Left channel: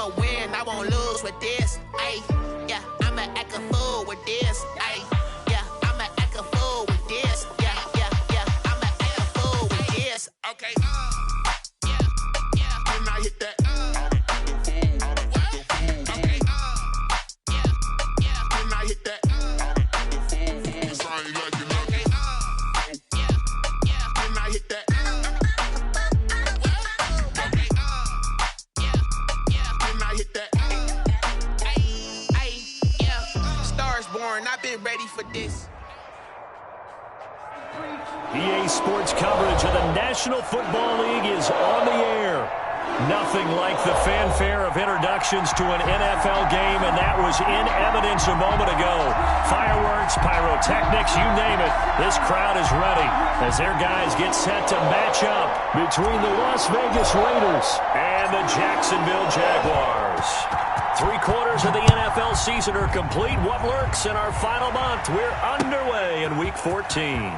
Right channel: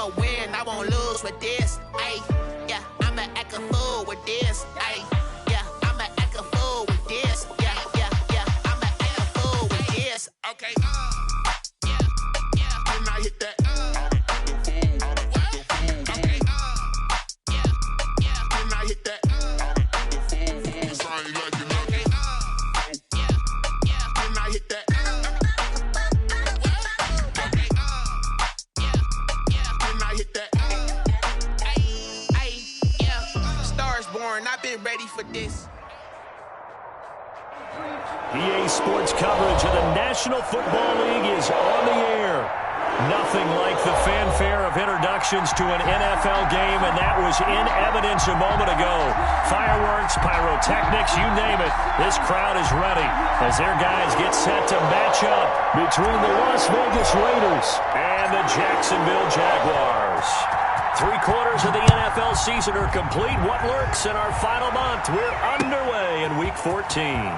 I'ma win, I won't lose with this. Ayy, yeah, I'ma act a fool with this. Ayy, yeah, I'ma act a fool with this. Yeah, I'ma act a fool with this. Okay, yeah, when I hit that. Okay, yeah, when I hit that. It's I ain't like it nothing. Yeah, when I hit that. Okay, yeah, when I hit that. Yeah, Stars born, I've been ready for this. EA Sports coverage of the National Football League is on the air. Nothing like the fanfare of introductions to an NFL game, and that was in evidence a moment ago. Fireworks, pyrotechnics, you name it. This crowd is ready as their guys get set to match up between the Las Vegas Raiders and the Jacksonville Jaguars. 3/4 of the NFL season are complete. What lurks in our final month? We're underway in Week 14.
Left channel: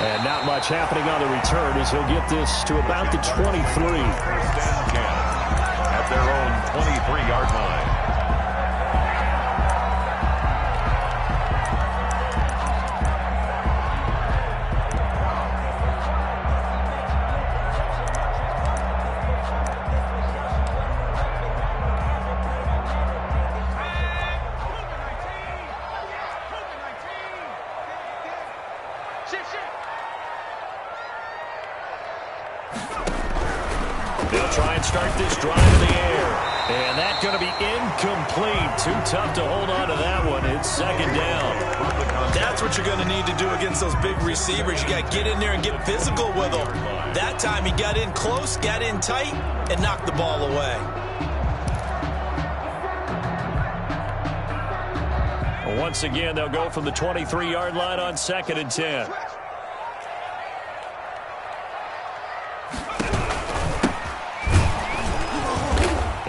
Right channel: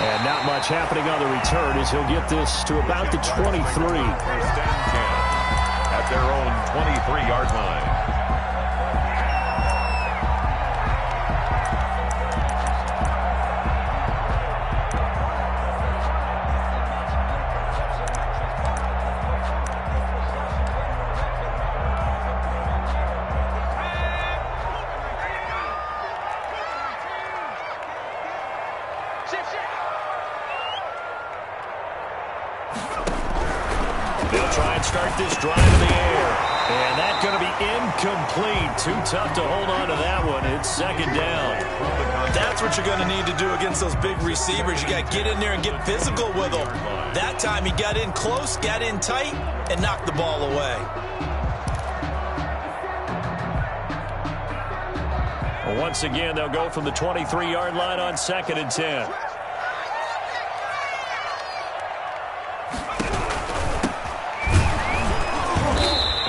And not much happening on the return as he'll get this to about the 23. First and 10 at their own 23-yard line. They'll try and start this drive in the air. And that's going to be incomplete. Too tough to hold on to that one. It's second down. That's what you're going to need to do against those big receivers. You got to get in there and get physical with them. That time he got in close, got in tight, and knocked the ball away. Once again, they'll go from the 23-yard line on second and 10.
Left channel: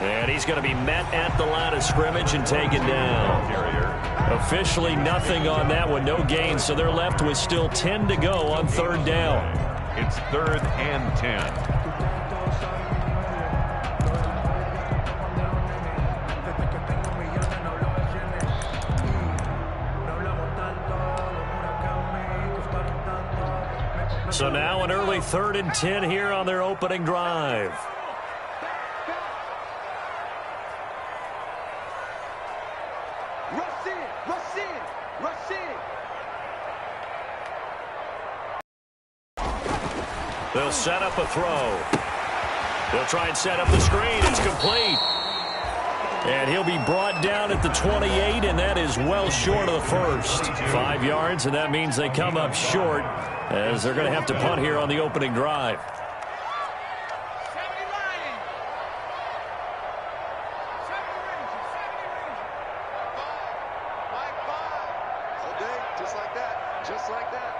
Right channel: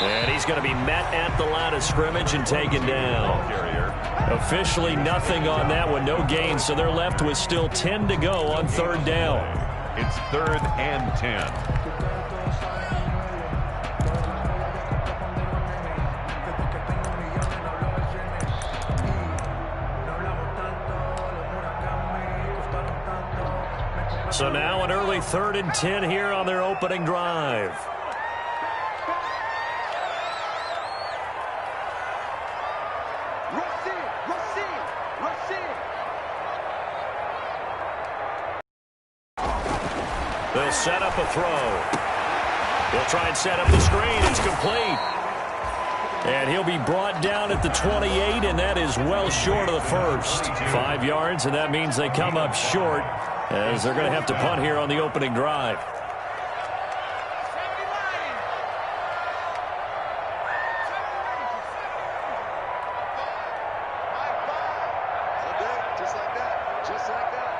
And he's going to be met at the line of scrimmage and taken down. Officially nothing on that one, no gain, so they're left with still 10 to go on third down. It's 3rd and 10. So now an early 3rd and 10 here on their opening drive. They'll set up a throw. They'll try and set up the screen. It's complete. And he'll be brought down at the 28, and that is well short of the first. 5 yards, and that means they come up short as they're going to have to punt here on the opening drive. Just like that. Just like that.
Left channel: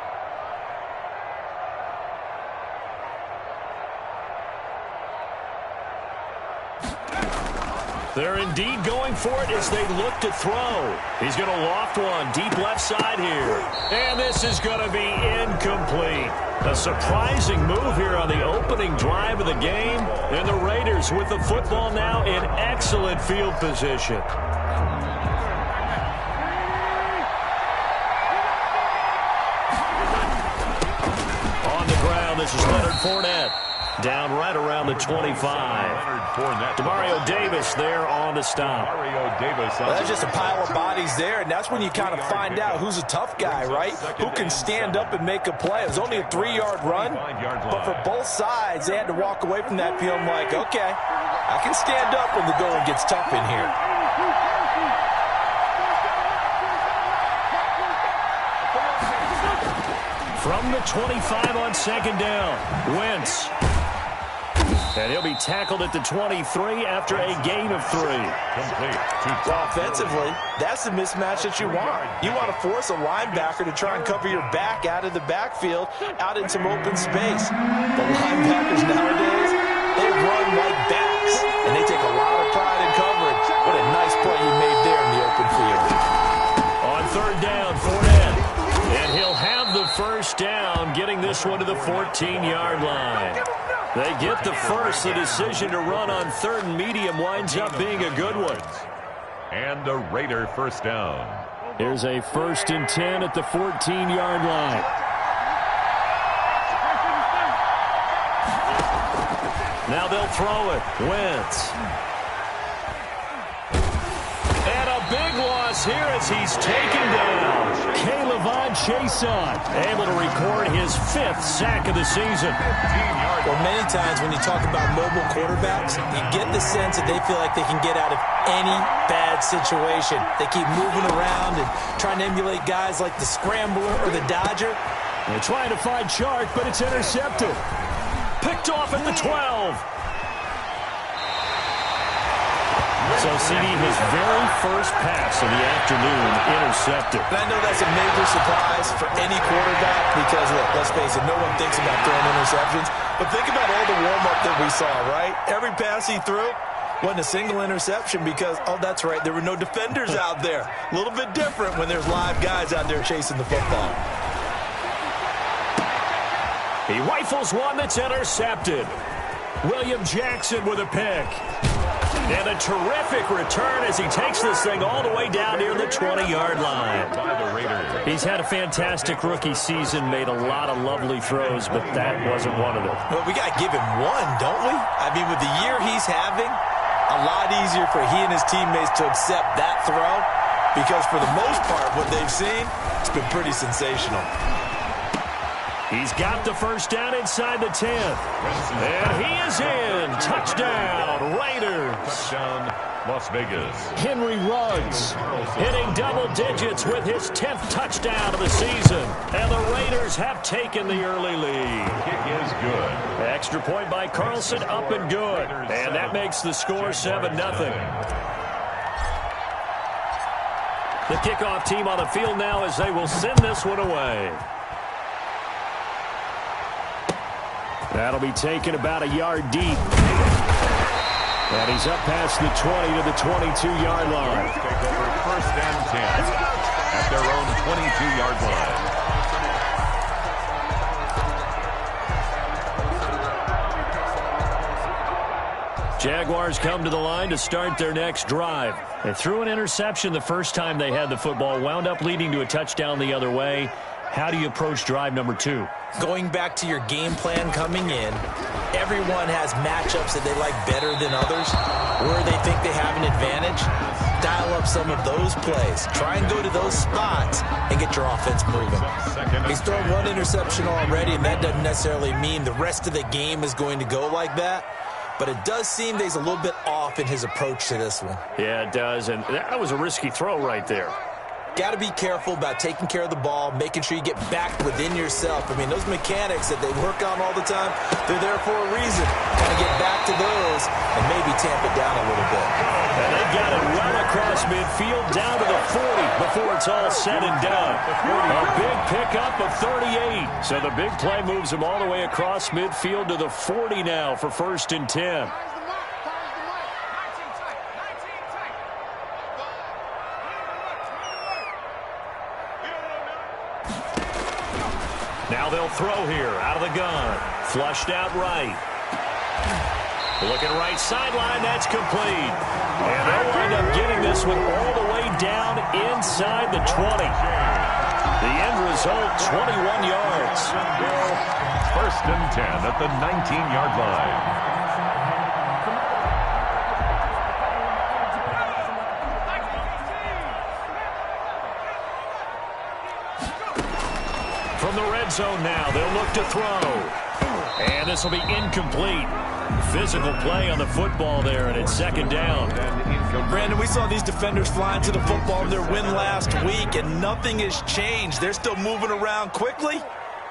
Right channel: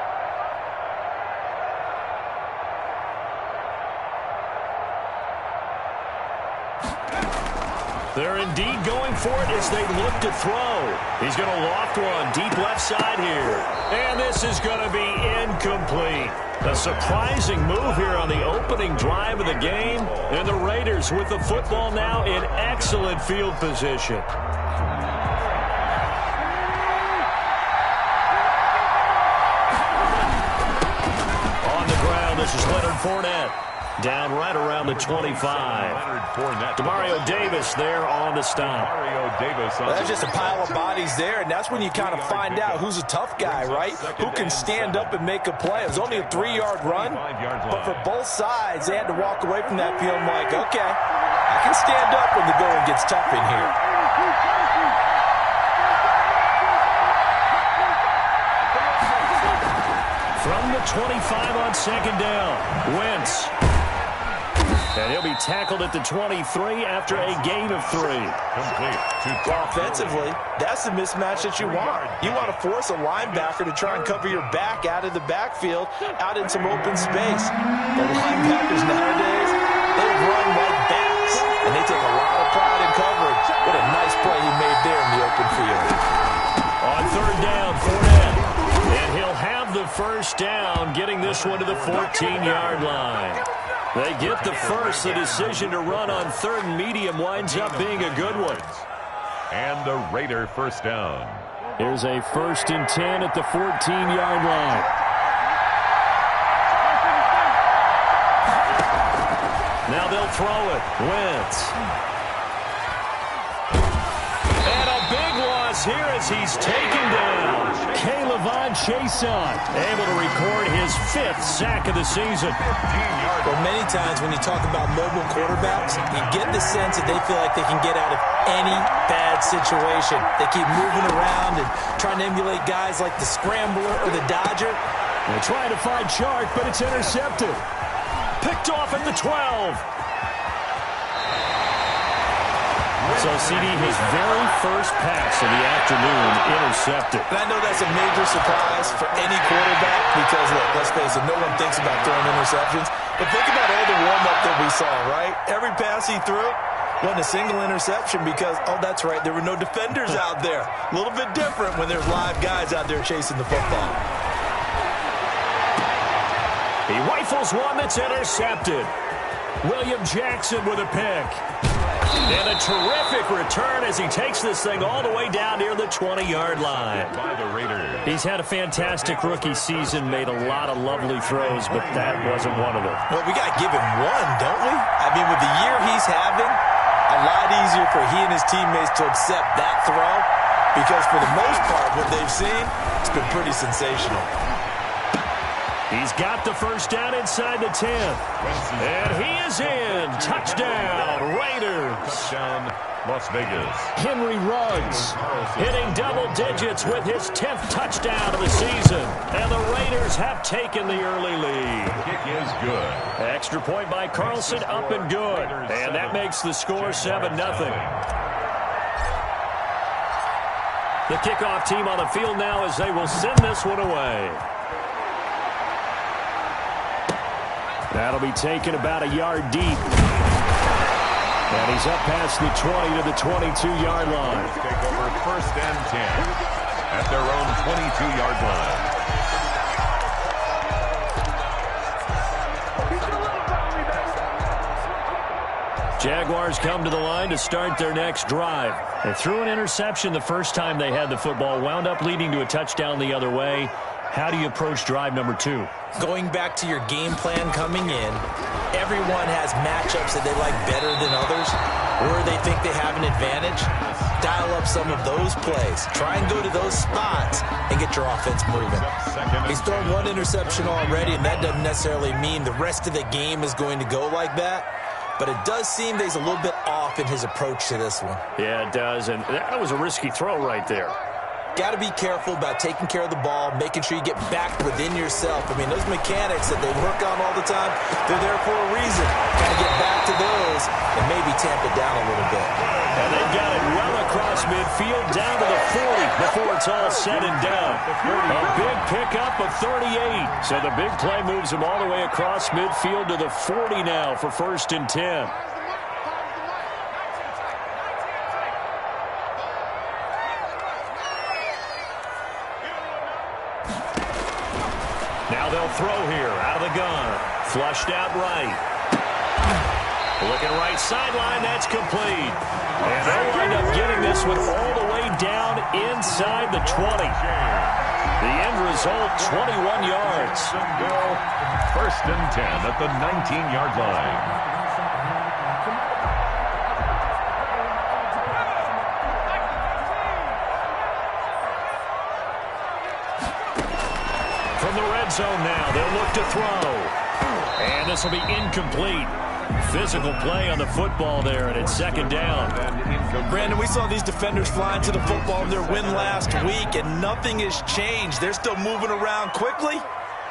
They're indeed going for it as they look to throw. He's going to loft one deep left side here. And this is going to be incomplete. A surprising move here on the opening drive of the game. And the Raiders with the football now in excellent field position. On the ground, this is Leonard Fournette. Down right around the 25. Demario Davis there on the stop. Well, that's just a pile of bodies there, and that's when you kind of find out who's a tough guy, right? Who can stand up and make a play. It was only a 3-yard run, but for both sides, they had to walk away from that feeling like, okay, I can stand up when the going gets tough in here. From the 25 on second down, Wentz. And he'll be tackled at the 23 after a gain of 3. Well, offensively, that's the mismatch that you want. You want to force a linebacker to try and cover your back out of the backfield, out in some open space. The linebackers nowadays, they run like backs, and they take a lot of pride in coverage. What a nice play he made there in the open field. On third down, Fournette. And he'll have the first down, getting this one to the 14-yard line. They get the first. The decision to run on 3rd and medium winds up being a good one. And a Raider first down. Here's a 1st and 10 at the 14-yard line. Now they'll throw it. Wentz. And a big loss here as he's taken down. K'Lavon Chaisson able to record his 5th sack of the season. Well, many times when you talk about mobile quarterbacks, you get the sense that they feel like they can get out of any bad situation. They keep moving around and trying to emulate guys like the Scrambler or the Dodger. They're trying to find Chark, but it's intercepted. Picked off at the 12. So, CD, his very first pass of the afternoon intercepted. And I know that's a major surprise for any quarterback because, look, let's face it, no one thinks about throwing interceptions. But think about all the warm-up that we saw, right? Every pass he threw wasn't a single interception because, oh, that's right, there were no defenders out there. A little bit different when there's live guys out there chasing the football. He rifles one that's intercepted. William Jackson with a pick. And a terrific return as he takes this thing all the way down near the 20-yard line. By the Raiders. He's had a fantastic rookie season, made a lot of lovely throws, but that wasn't one of them. Well, we got to give him one, don't we? I mean, with the year he's having, a lot easier for he and his teammates to accept that throw because for the most part, what they've seen, it's been pretty sensational. He's got the first down inside the 10. And he is in. Touchdown, Raiders. Touchdown, Las Vegas. Henry Ruggs hitting double digits with his 10th touchdown of the season. And the Raiders have taken the early lead. Kick is good. Extra point by Carlson, up and good. And that makes the score 7-0. The kickoff team on the field now as they will send this one away. That'll be taken about a yard deep. And he's up past the 20 to the 22-yard line. Take over 1st and 10 at their own 22-yard line. Jaguars come to the line to start their next drive. They threw an interception the first time they had the football, wound up leading to a touchdown the other way. How do you approach drive number 2? Going back to your game plan coming in, everyone has matchups that they like better than others, where they think they have an advantage. Dial up some of those plays. Try and go to those spots and get your offense moving. He's thrown one interception already, and that doesn't necessarily mean the rest of the game is going to go like that. But it does seem that he's a little bit off in his approach to this one. Yeah, it does, and that was a risky throw right there. Got to be careful about taking care of the ball, making sure you get back within yourself. I mean, those mechanics that they work on all the time, they're there for a reason. Got to get back to those and maybe tamp it down a little bit. And they've got it well across midfield down to the 40 before it's all said and done. A big pickup of 38. So the big play moves them all the way across midfield to the 40 now for 1st and 10. Now they'll throw here out of the gun. Flushed out right. Looking right sideline. That's complete. And they'll wind up getting this one all the way down inside the 20. The end result, 21 yards. 1st and 10 at the 19-yard line. From the red zone now, they'll look to throw. And this will be incomplete. Physical play on the football there, and it's 2nd down. Brandon, we saw these defenders flying to the football in their win last week, and nothing has changed. They're still moving around quickly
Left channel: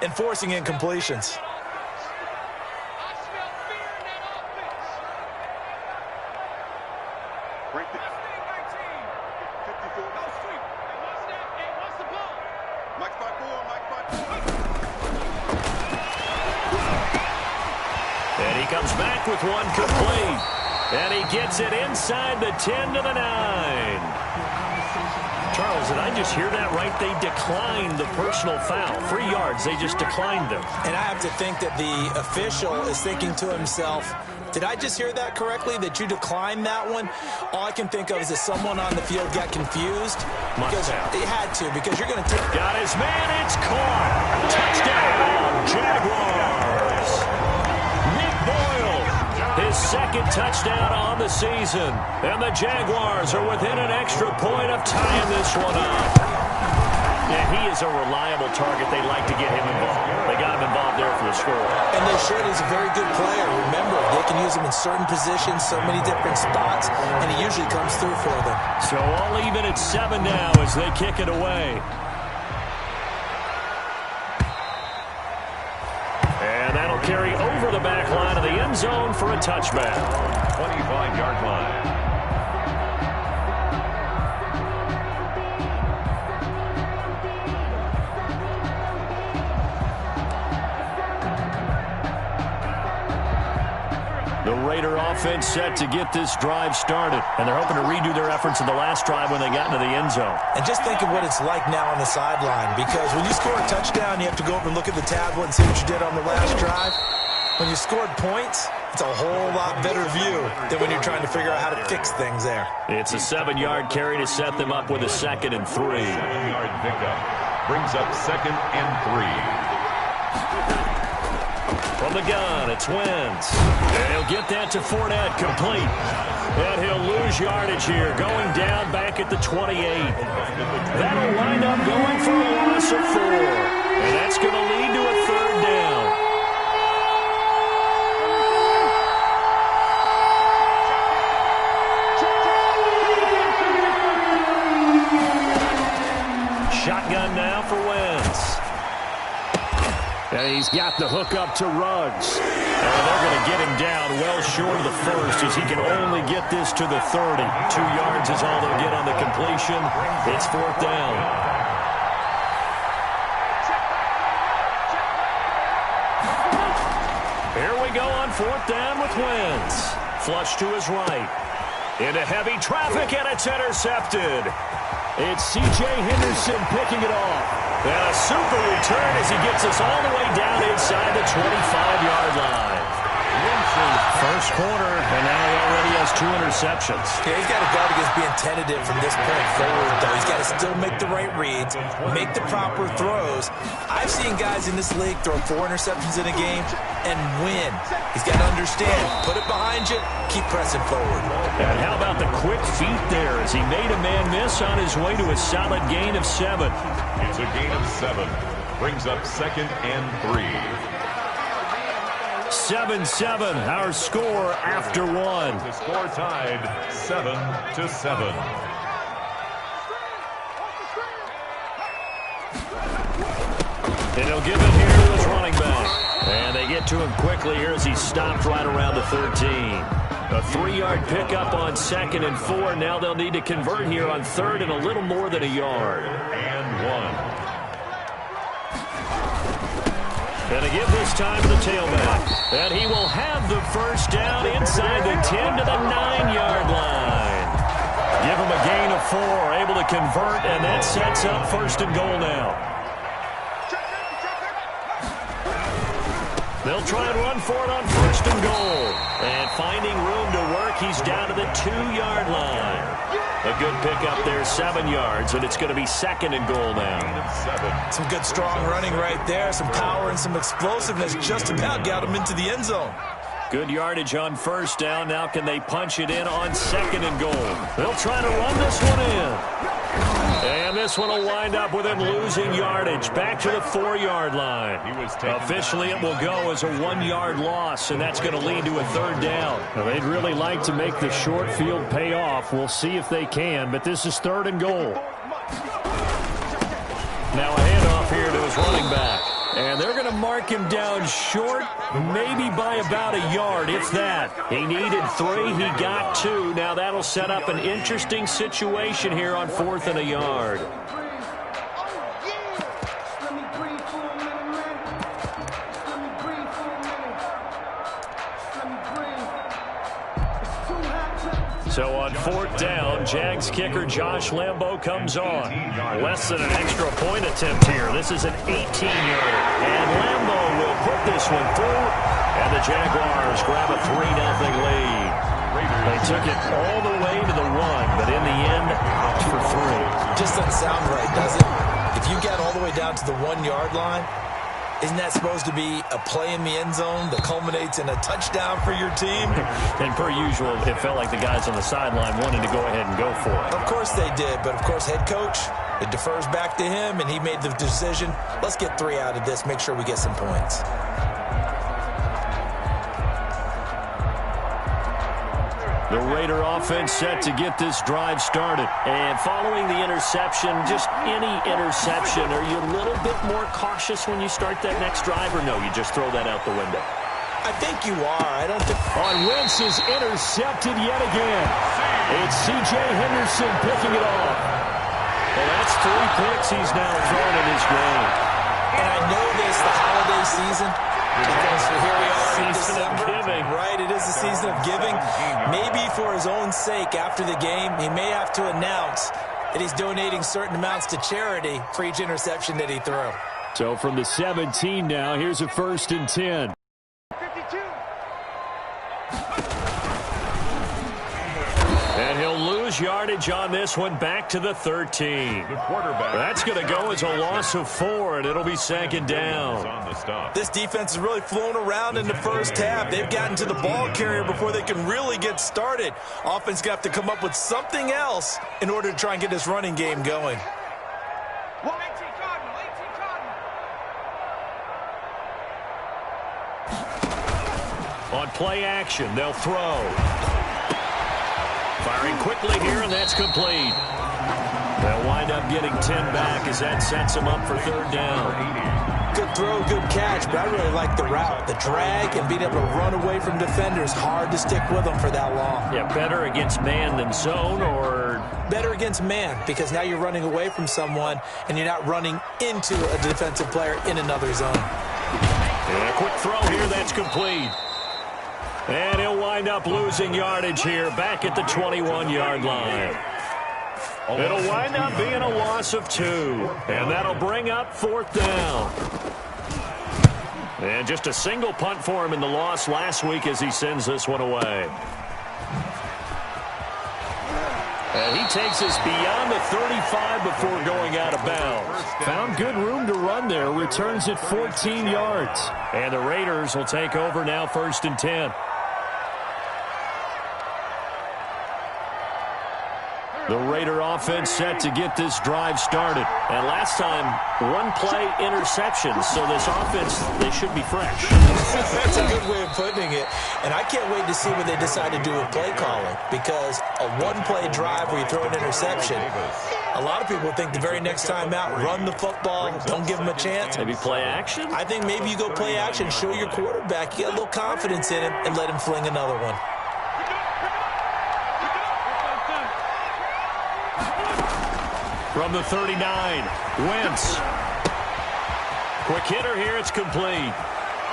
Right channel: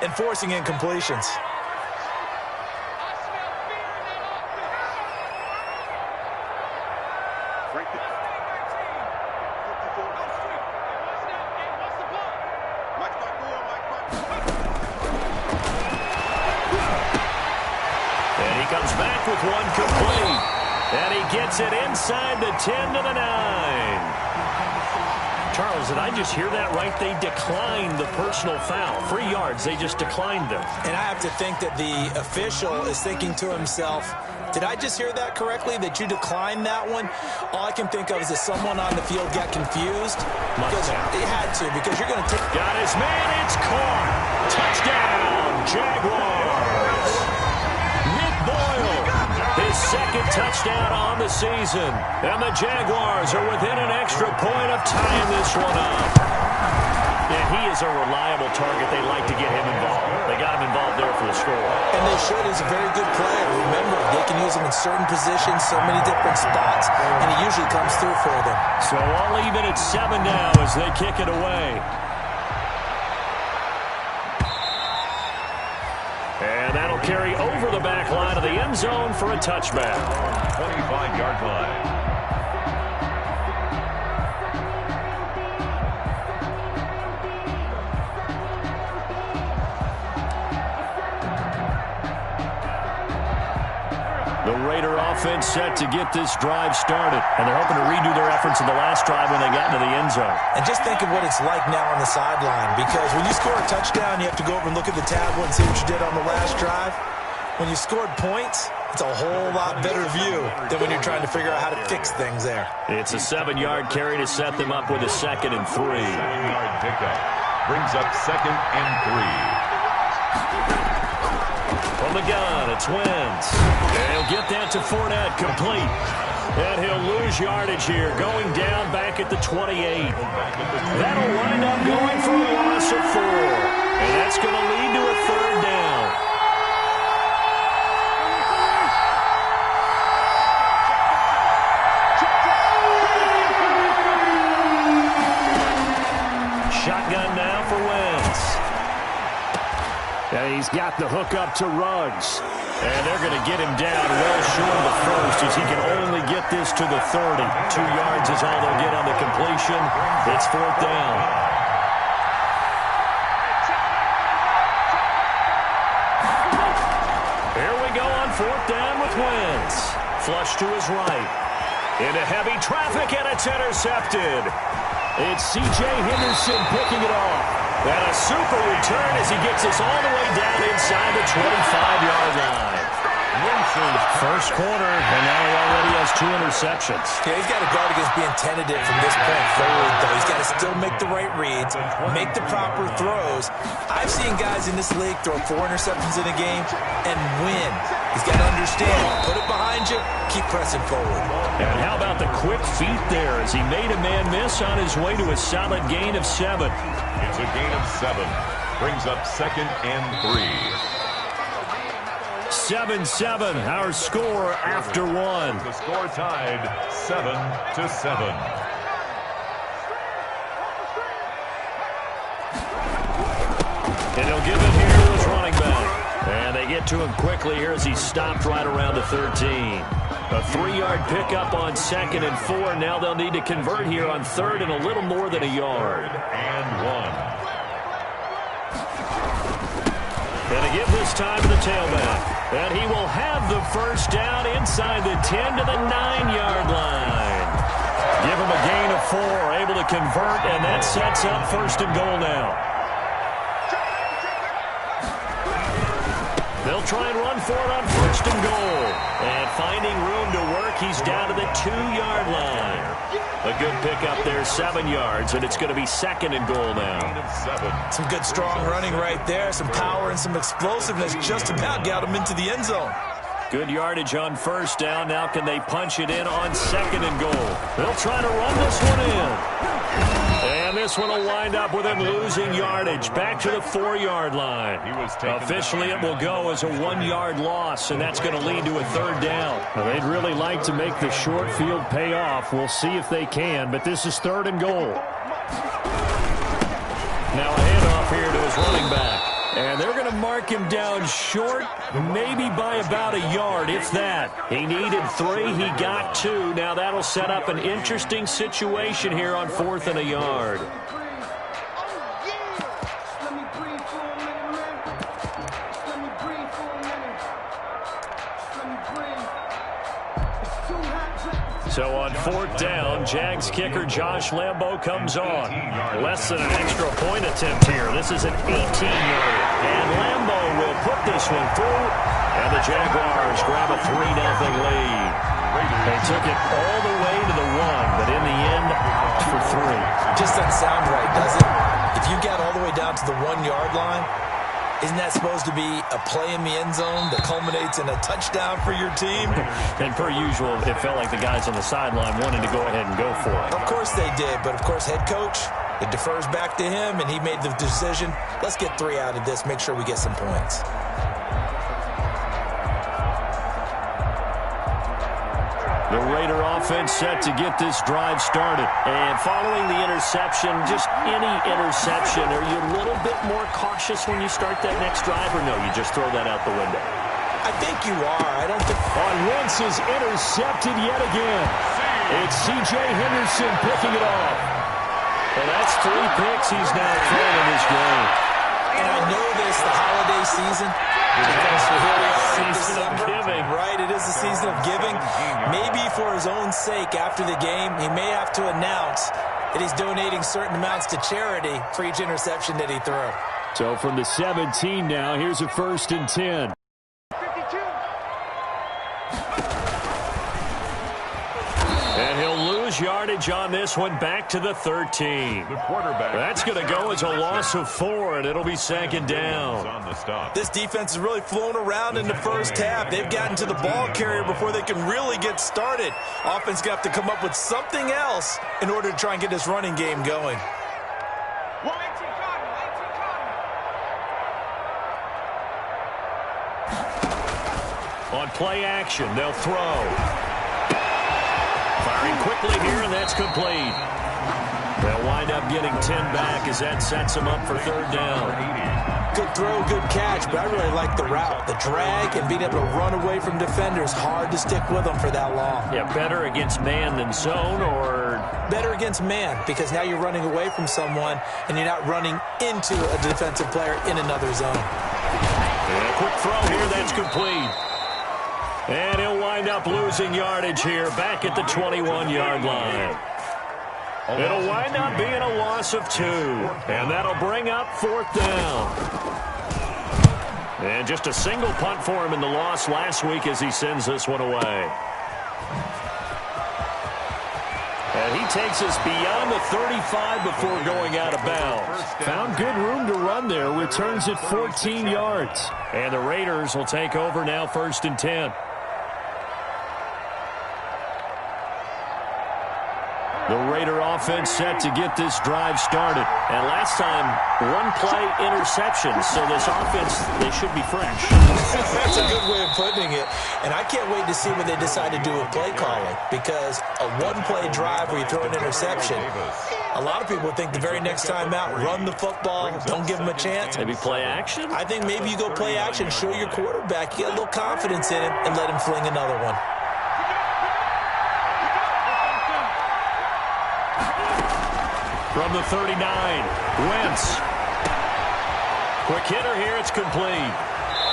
and forcing incompletions. And he comes back with one complete. And he gets it inside the 10 to the 9. Charles, did I just hear that right? They declined the personal foul. 3 yards, they just declined them. And I have to think that the official is thinking to himself, did I just hear that correctly, that you declined that one? All I can think of is that someone on the field got confused. Must have. They had to, because you're going to take... Got his man, it's caught. Touchdown, Jaguars. Nick Boyle, his second touchdown on the season. And the Jaguars are within an extra point of tying this one up. Yeah, he is a reliable target. They like to get him involved. They got him involved there for the score. And they should. He's a very good player. Remember, they can use him in certain positions, so many different spots, and he usually comes through for them. So all even at 7 now as they kick it away. And that'll carry over the back line of the end zone for a touchback. 25-yard line. The Raider offense set to get this drive started. And they're hoping to redo their efforts in the last drive when they got into the end zone. And just think of what it's like now on the sideline. Because when you score a touchdown, you have to go over and look at the tablet and see what you did on the last drive. When you scored points, it's a whole lot better view than when you're trying to figure out how to fix things there. It's a 7-yard carry to set them up with a 2nd and 3. 7-yard pickup brings up 2nd and 3. From the gun, it's Wentz. And he'll get that to Fournette, complete. And he'll lose yardage here, going down back at the 28. That'll wind up going for a loss of 4. And that's going to lead to a 3rd down. Shotgun now for Wentz. And he's got the hook up to Ruggs. And they're going to get him down well short of the first as he can only get this to the 30. 2 yards is all they'll get on the completion. It's 4th down. Here we go on 4th down with Wentz. Flush to his right. Into heavy traffic, and it's intercepted. It's C.J. Henderson picking it off. And a super return as he gets us all the way down inside the 25-yard line. Wentz's first quarter, and now he already has 2 interceptions. Yeah, he's got to guard against being tentative from this point forward, though. He's got to still make the right reads, make the proper throws. I've seen guys in this league throw 4 interceptions in a game and win. He's got to understand, put it behind you, keep pressing forward. And how about the quick feet there as he made a man miss on his way to a solid gain of 7. It's a gain of 7. Brings up 2nd and 3. 7-7, our score after 1. The score tied 7-7. And he'll give it here to his running back. And they get to him quickly here as he stopped right around the 13. A 3-yard pickup on 2nd and 4. Now they'll need to convert here on 3rd and a little more than a yard. And 1. And to give this time to the tailback. And he will have the first down inside the 10 to the 9-yard line. Give him a gain of 4, able to convert, and that sets up 1st and goal now. They'll try and run for it on 1st and goal. And finding room to work, he's down to the 2-yard line. A good pickup there, 7 yards, and it's going to be 2nd and goal now. Some good strong running right there, some power and some explosiveness just about got him into the end zone. Good yardage on 1st down. Now can they punch it in on 2nd and goal? They'll try to run this one in. And this one will wind up with him losing yardage back to the 4-yard line. Officially, it will go as a 1-yard loss, and that's going to lead to a 3rd down. Now, they'd really like to make the short field pay off. We'll see if they can, but this is 3rd and goal. Now a handoff here to his running back. And they're going to mark him down short, maybe by about a yard, if that. He needed 3, he got 2. Now that'll set up an interesting situation here on 4th and a yard. So on 4th down, Jags kicker Josh Lambo comes on. Less than an extra point attempt here. This is an 18-yarder. And Lambo will put this one through. And the Jaguars grab a 3-0 lead. They took it all the way to the 1, but in the end, opt for 3. Just doesn't sound right, does it? If you get all the way down to the 1-yard line, isn't that supposed to be a play in the end zone that culminates in a touchdown for your team? And per usual, it felt like the guys on the sideline wanted to go ahead and go for it. Of course they did, but of course head coach, it defers back to him, and he made the decision. Let's get 3 out of this, make sure we get some points. The Raider offense set to get this drive started. And following the interception, just any interception, are you a little bit more cautious when you start that next drive, or no, you just throw that out the window? I think you are. I don't think... On Wentz is intercepted yet again. It's C.J. Henderson picking it off. Well, that's 3 picks he's now thrown in this game. And I know this, the holiday season, because here we are in December. Giving. Right, it is the season of giving. Maybe for his own sake, after the game, he may have to announce that he's donating certain amounts to charity for each interception that he threw. So from the 17 now, here's a 1st and 10. 52. And he'll lose yardage on this one, back to the 13. The quarterback. That's going to go as a loss of 4, and it'll be 2nd down. On the stop. This defense has really flown around in the first half. They've gotten to the ball carrier before they can really get started. Offense got to come up with something else in order to try and get this running game going. 18 Cardinal, 18 Cardinal. On play action, they'll throw. Firing quickly here, and that's complete. They'll wind up getting 10 back as that sets them up for 3rd down. Good throw, good catch, but I really like the route. The drag and being able to run away from defenders, hard to stick with them for that long. Yeah, better against man than zone, or... Better against man, because now you're running away from someone and you're not running into a defensive player in another zone. Yeah, quick throw here, that's complete. And he'll wind up losing yardage here, back at the 21-yard line. It'll wind up being a loss of 2, and that'll bring up 4th down. And just a single punt for him in the loss last week as he sends this one away. And he takes us beyond the 35 before going out of bounds. Found good room to run there, returns it 14 yards. And the Raiders will take over now, 1st and 10. The Raider offense set to get this drive started. And last time, 1-play interception. So this offense, they should be fresh. That's a good way of putting it. And I can't wait to see what they decide to do with play calling. Because a 1-play drive where you throw an interception, a lot of people think the very next time out, run the football, don't give them a chance. Maybe play action? I think maybe you go play action, show your quarterback, you get a little confidence in him, and let him fling another one. From the 39, Wentz. Quick hitter here, it's complete.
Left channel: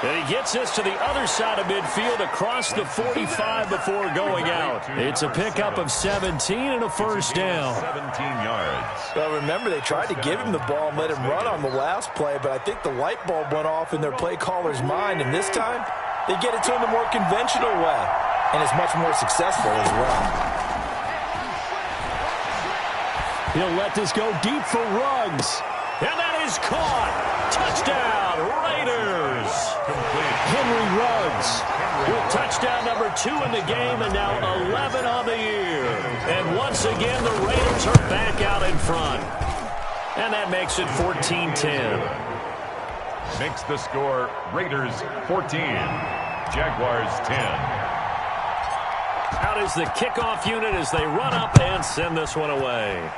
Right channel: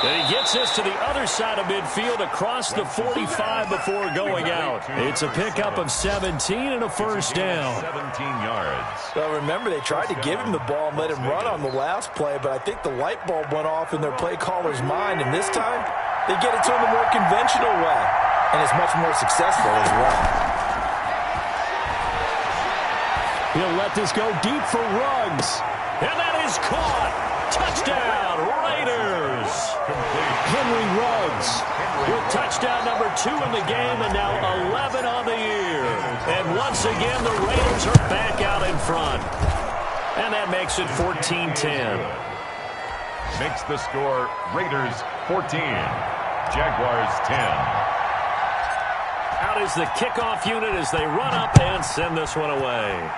And he gets this to the other side of midfield across the 45 before going out. It's a pickup of 17 and a 1st down. 17 yards. Well, remember, they tried to give him the ball and let him run on the last play, but I think the light bulb went off in their play caller's mind, and this time they get it to him the more conventional way, and it's much more successful as well. He'll let this go deep for Ruggs. And that is caught. Touchdown, Raiders. Complete. Henry Ruggs with touchdown number 2 in the game, and now 11 on the year. And once again, the Raiders are back out in front. And that makes it 14-10. Makes the score Raiders 14, Jaguars 10. Out is the kickoff unit as they run up and send this one away.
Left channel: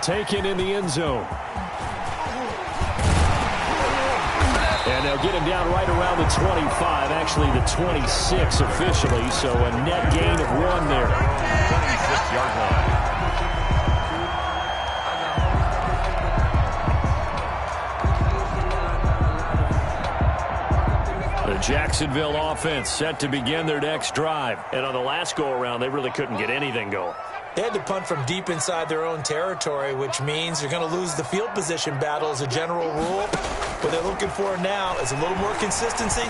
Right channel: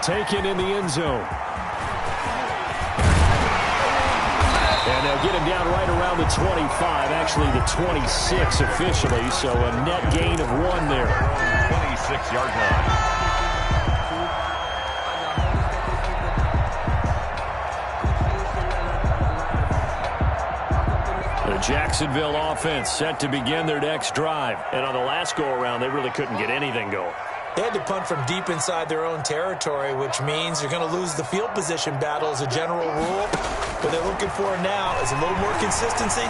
Taken in the end zone. And they'll get him down right around the 25, actually the 26 officially, so a net gain of 1 there. 26-yard line. The Jacksonville offense set to begin their next drive. And on the last go-around, they really couldn't get anything going. They had to punt from deep inside their own territory, which means they're going to lose the field position battle as a general rule. What they're looking for now is a little more consistency,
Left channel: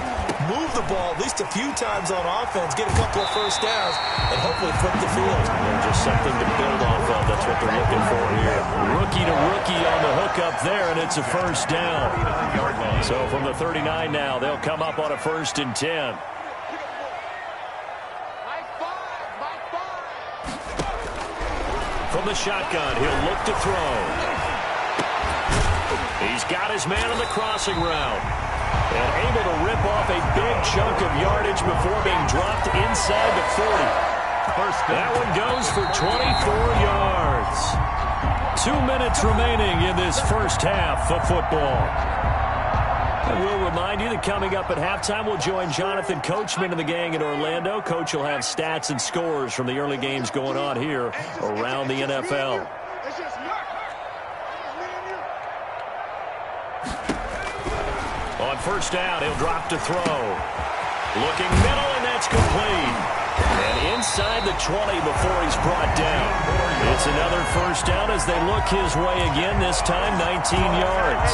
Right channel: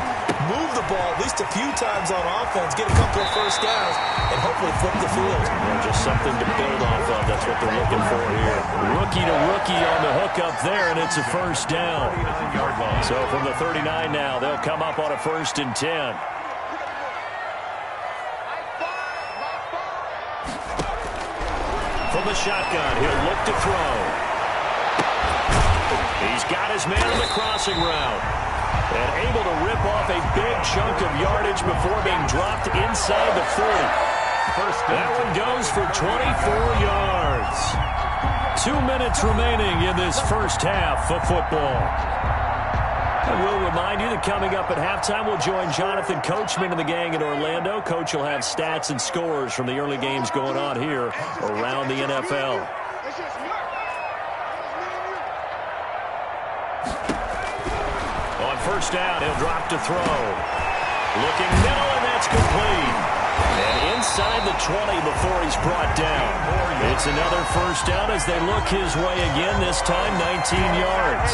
move the ball at least a few times on offense, get a couple of first downs, and hopefully flip the field. Yeah, just something to build off of. That's what they're looking for here. Rookie to rookie on the hook up there, and it's a first down. So from the 39 now, they'll come up on a 1st and 10. From the shotgun, he'll look to throw. He's got his man on the crossing route. And able to rip off a big chunk of yardage before being dropped inside the 40. That one goes for 24 yards. 2 minutes remaining in this first half of football. And we'll remind you that coming up at halftime, we'll join Jonathan Coachman and the gang in Orlando. Coach will have stats and scores from the early games going on here around the NFL. On first down, he'll drop to throw. Looking middle, and that's complete. And inside the 20 before he's brought down. It's another first down as they look his way again, this time 19 yards.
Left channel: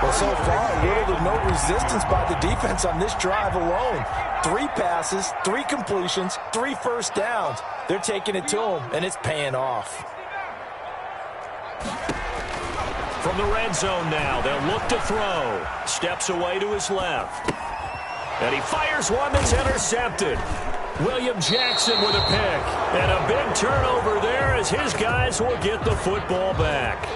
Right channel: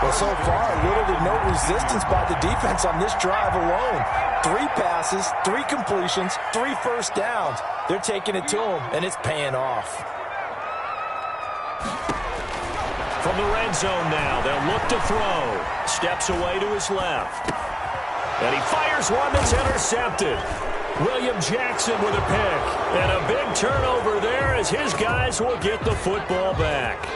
Well, so far, little to no resistance by the defense on this drive alone. 3 passes, 3 completions, 3 first downs. They're taking it to him, and it's paying off. From the red zone now, they'll look to throw. Steps away to his left. And he fires one that's intercepted. William Jackson with a pick. And a big turnover there as his guys will get the football back.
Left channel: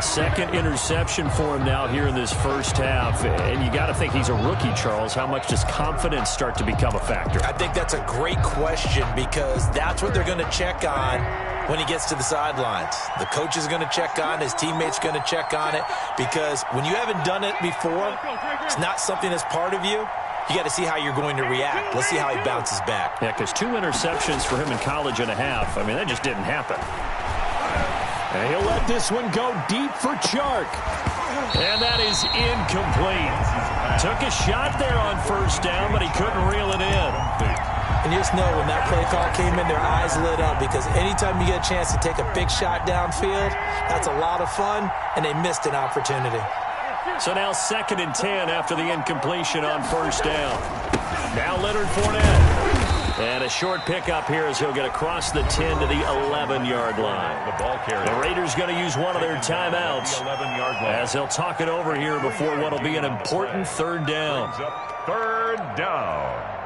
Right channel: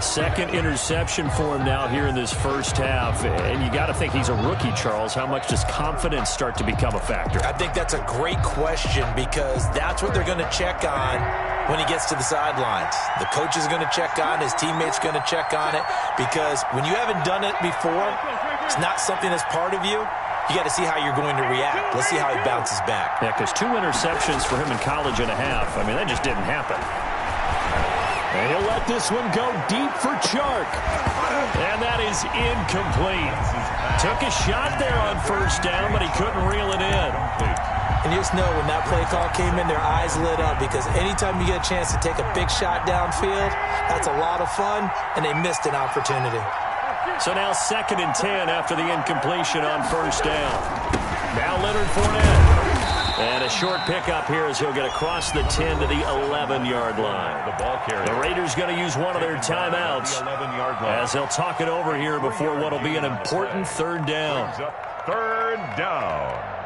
Second interception for him now here in this first half. And you got to think he's a rookie, Charles. How much does confidence start to become a factor? I think that's a great question because that's what they're going to check on when he gets to the sidelines. The coach is going to check on, his teammates going to check on it, because when you haven't done it before, it's not something that's part of you. You got to see how you're going to react. Let's see how he bounces back. Yeah, because 2 interceptions for him in college and a half. I mean, that just didn't happen. And he'll let this one go deep for Chark. And that is incomplete. Took a shot there on first down, but he couldn't reel it in. And you just know when that play call came in, their eyes lit up because anytime you get a chance to take a big shot downfield, that's a lot of fun, and they missed an opportunity. So now 2nd and 10 after the incompletion on first down. Now Leonard Fournette. And a short pickup here as he'll get across the 10 to the 11-yard line. The Raiders going to use one of their timeouts as they'll talk it over here before what will be an important 3rd down. 3rd down.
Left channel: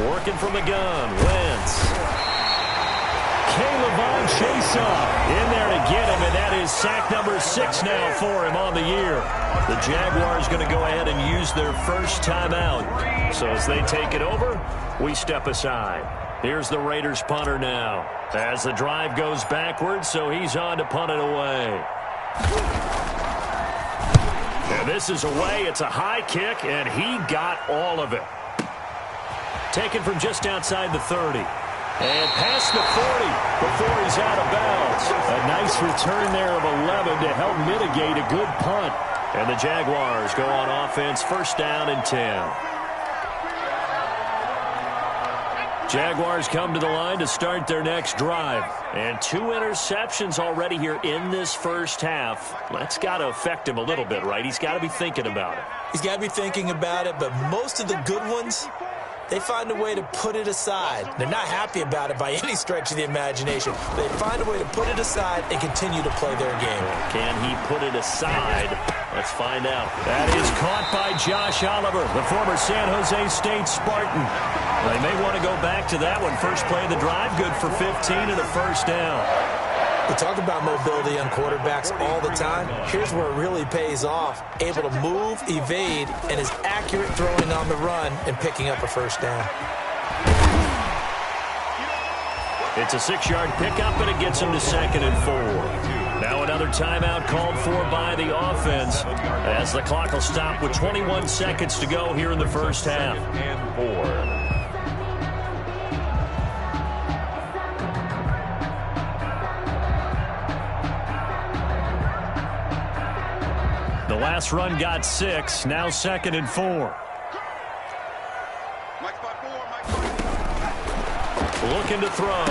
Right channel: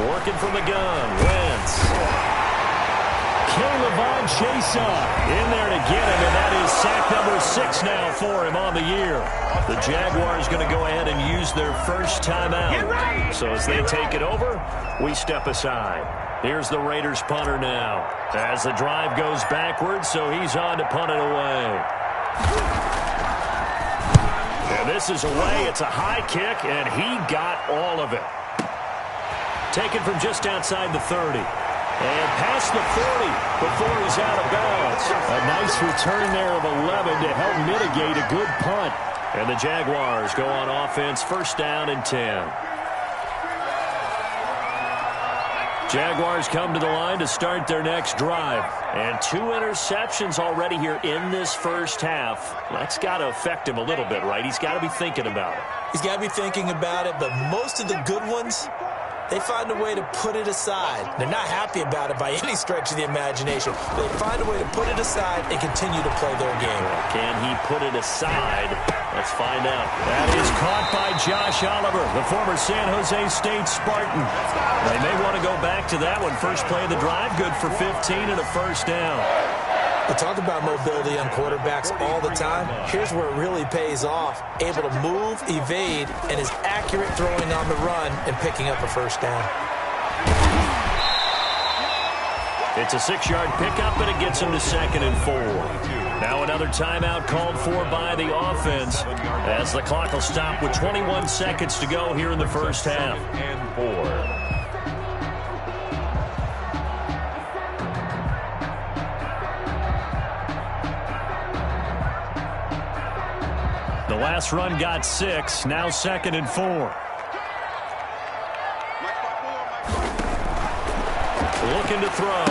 Working from the gun, Wentz. Caleb Chase-up in there to get him, and that is sack number 6 now for him on the year. The Jaguars going to go ahead and use their first timeout. So as they take it over, we step aside. Here's the Raiders punter now as the drive goes backwards, so he's on to punt it away. And this is away. It's a high kick, and he got all of it. Taken from just outside the 30. And past the 40 before he's out of bounds. A nice return there of 11 to help mitigate a good punt. And the Jaguars go on offense, 1st down and 10. Jaguars come to the line to start their next drive. And 2 interceptions already here in this first half. That's got to affect him a little bit, right? He's got to be thinking about it. He's got to be thinking about it, but most of the good ones, they find a way to put it aside. They're not happy about it by any stretch of the imagination. They find a way to put it aside and continue to play their game. Can he put it aside? Let's find out. That is caught by Josh Oliver, the former San Jose State Spartan. They may want to go back to that one. First play of the drive, good for 15 and a first down. We talk about mobility on quarterbacks all the time. Here's where it really pays off. Able to move, evade, and is accurate throwing on the run and picking up a first down. It's a 6-yard pickup, and it gets him to 2nd and 4. Now another timeout called for by the offense as the clock will stop with 21 seconds to go here in the first half. And 4. The last run got 6, now 2nd and 4. Looking to throw.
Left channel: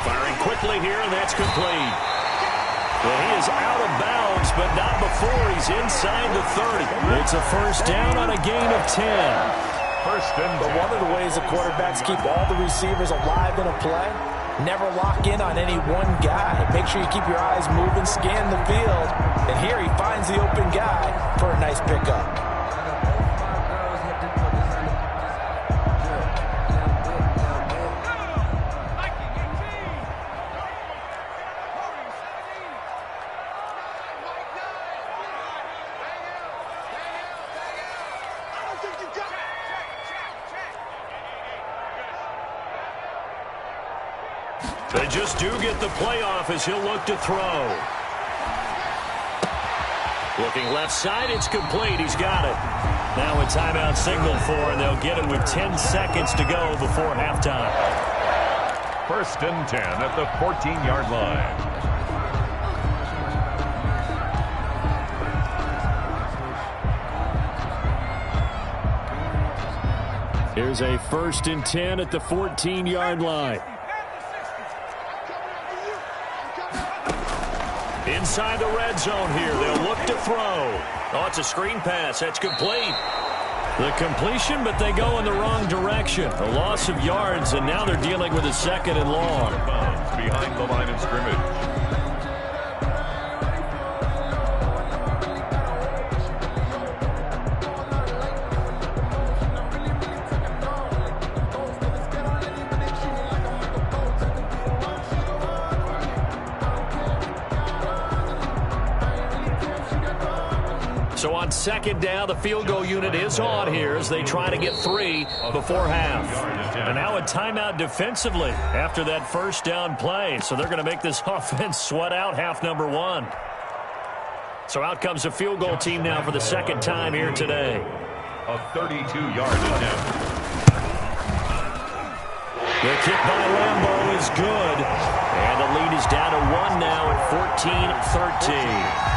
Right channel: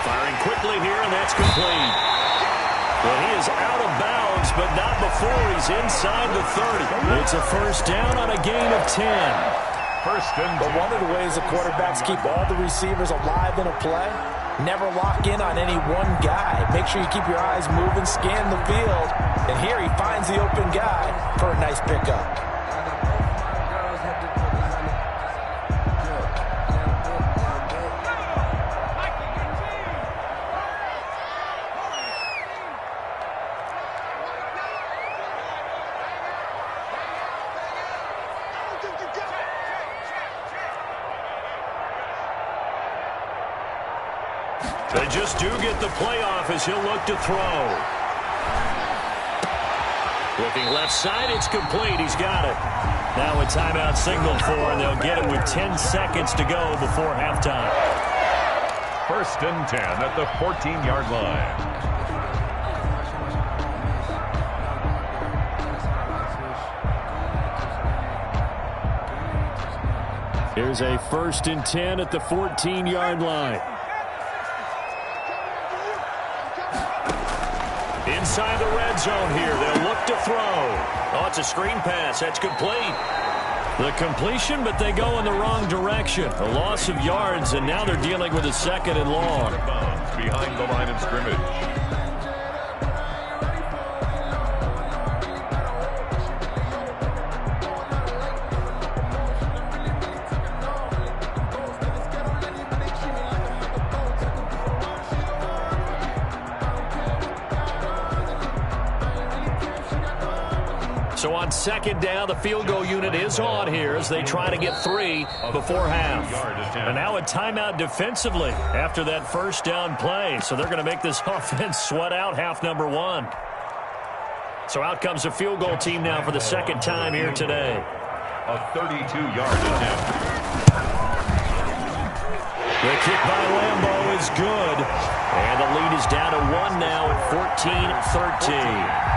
Firing quickly here, and that's complete. Well, he is out of bounds, but not before he's inside the 30. It's a first down on a gain of 10. First and 10. But one of the ways the quarterbacks keep all the receivers alive in a play, never lock in on any one guy. Make sure you keep your eyes moving, scan the field. And here he finds the open guy for a nice pickup. They just do get the playoff as he'll look to throw. Looking left side, it's complete. He's got it. Now a timeout signaled for, and they'll get it with 10 seconds to go before halftime. First and 10 at the 14-yard line. Here's a 1st and 10 at the 14-yard line. Inside the red zone here. They'll look to throw. Oh, it's a screen pass. That's complete. The completion, but they go in the wrong direction. A loss of yards, and now they're dealing with a 2nd and long. Behind the line of scrimmage. So on 2nd down, the field goal unit is on here as they try to get 3 before half. And now a timeout defensively after that first down play. So they're going to make this offense sweat out half number 1. So out comes the field goal team now for the 2nd time here today. A 32-yard attempt. The kick by Lambeau is good. And the lead is down to 1 now at 14-13.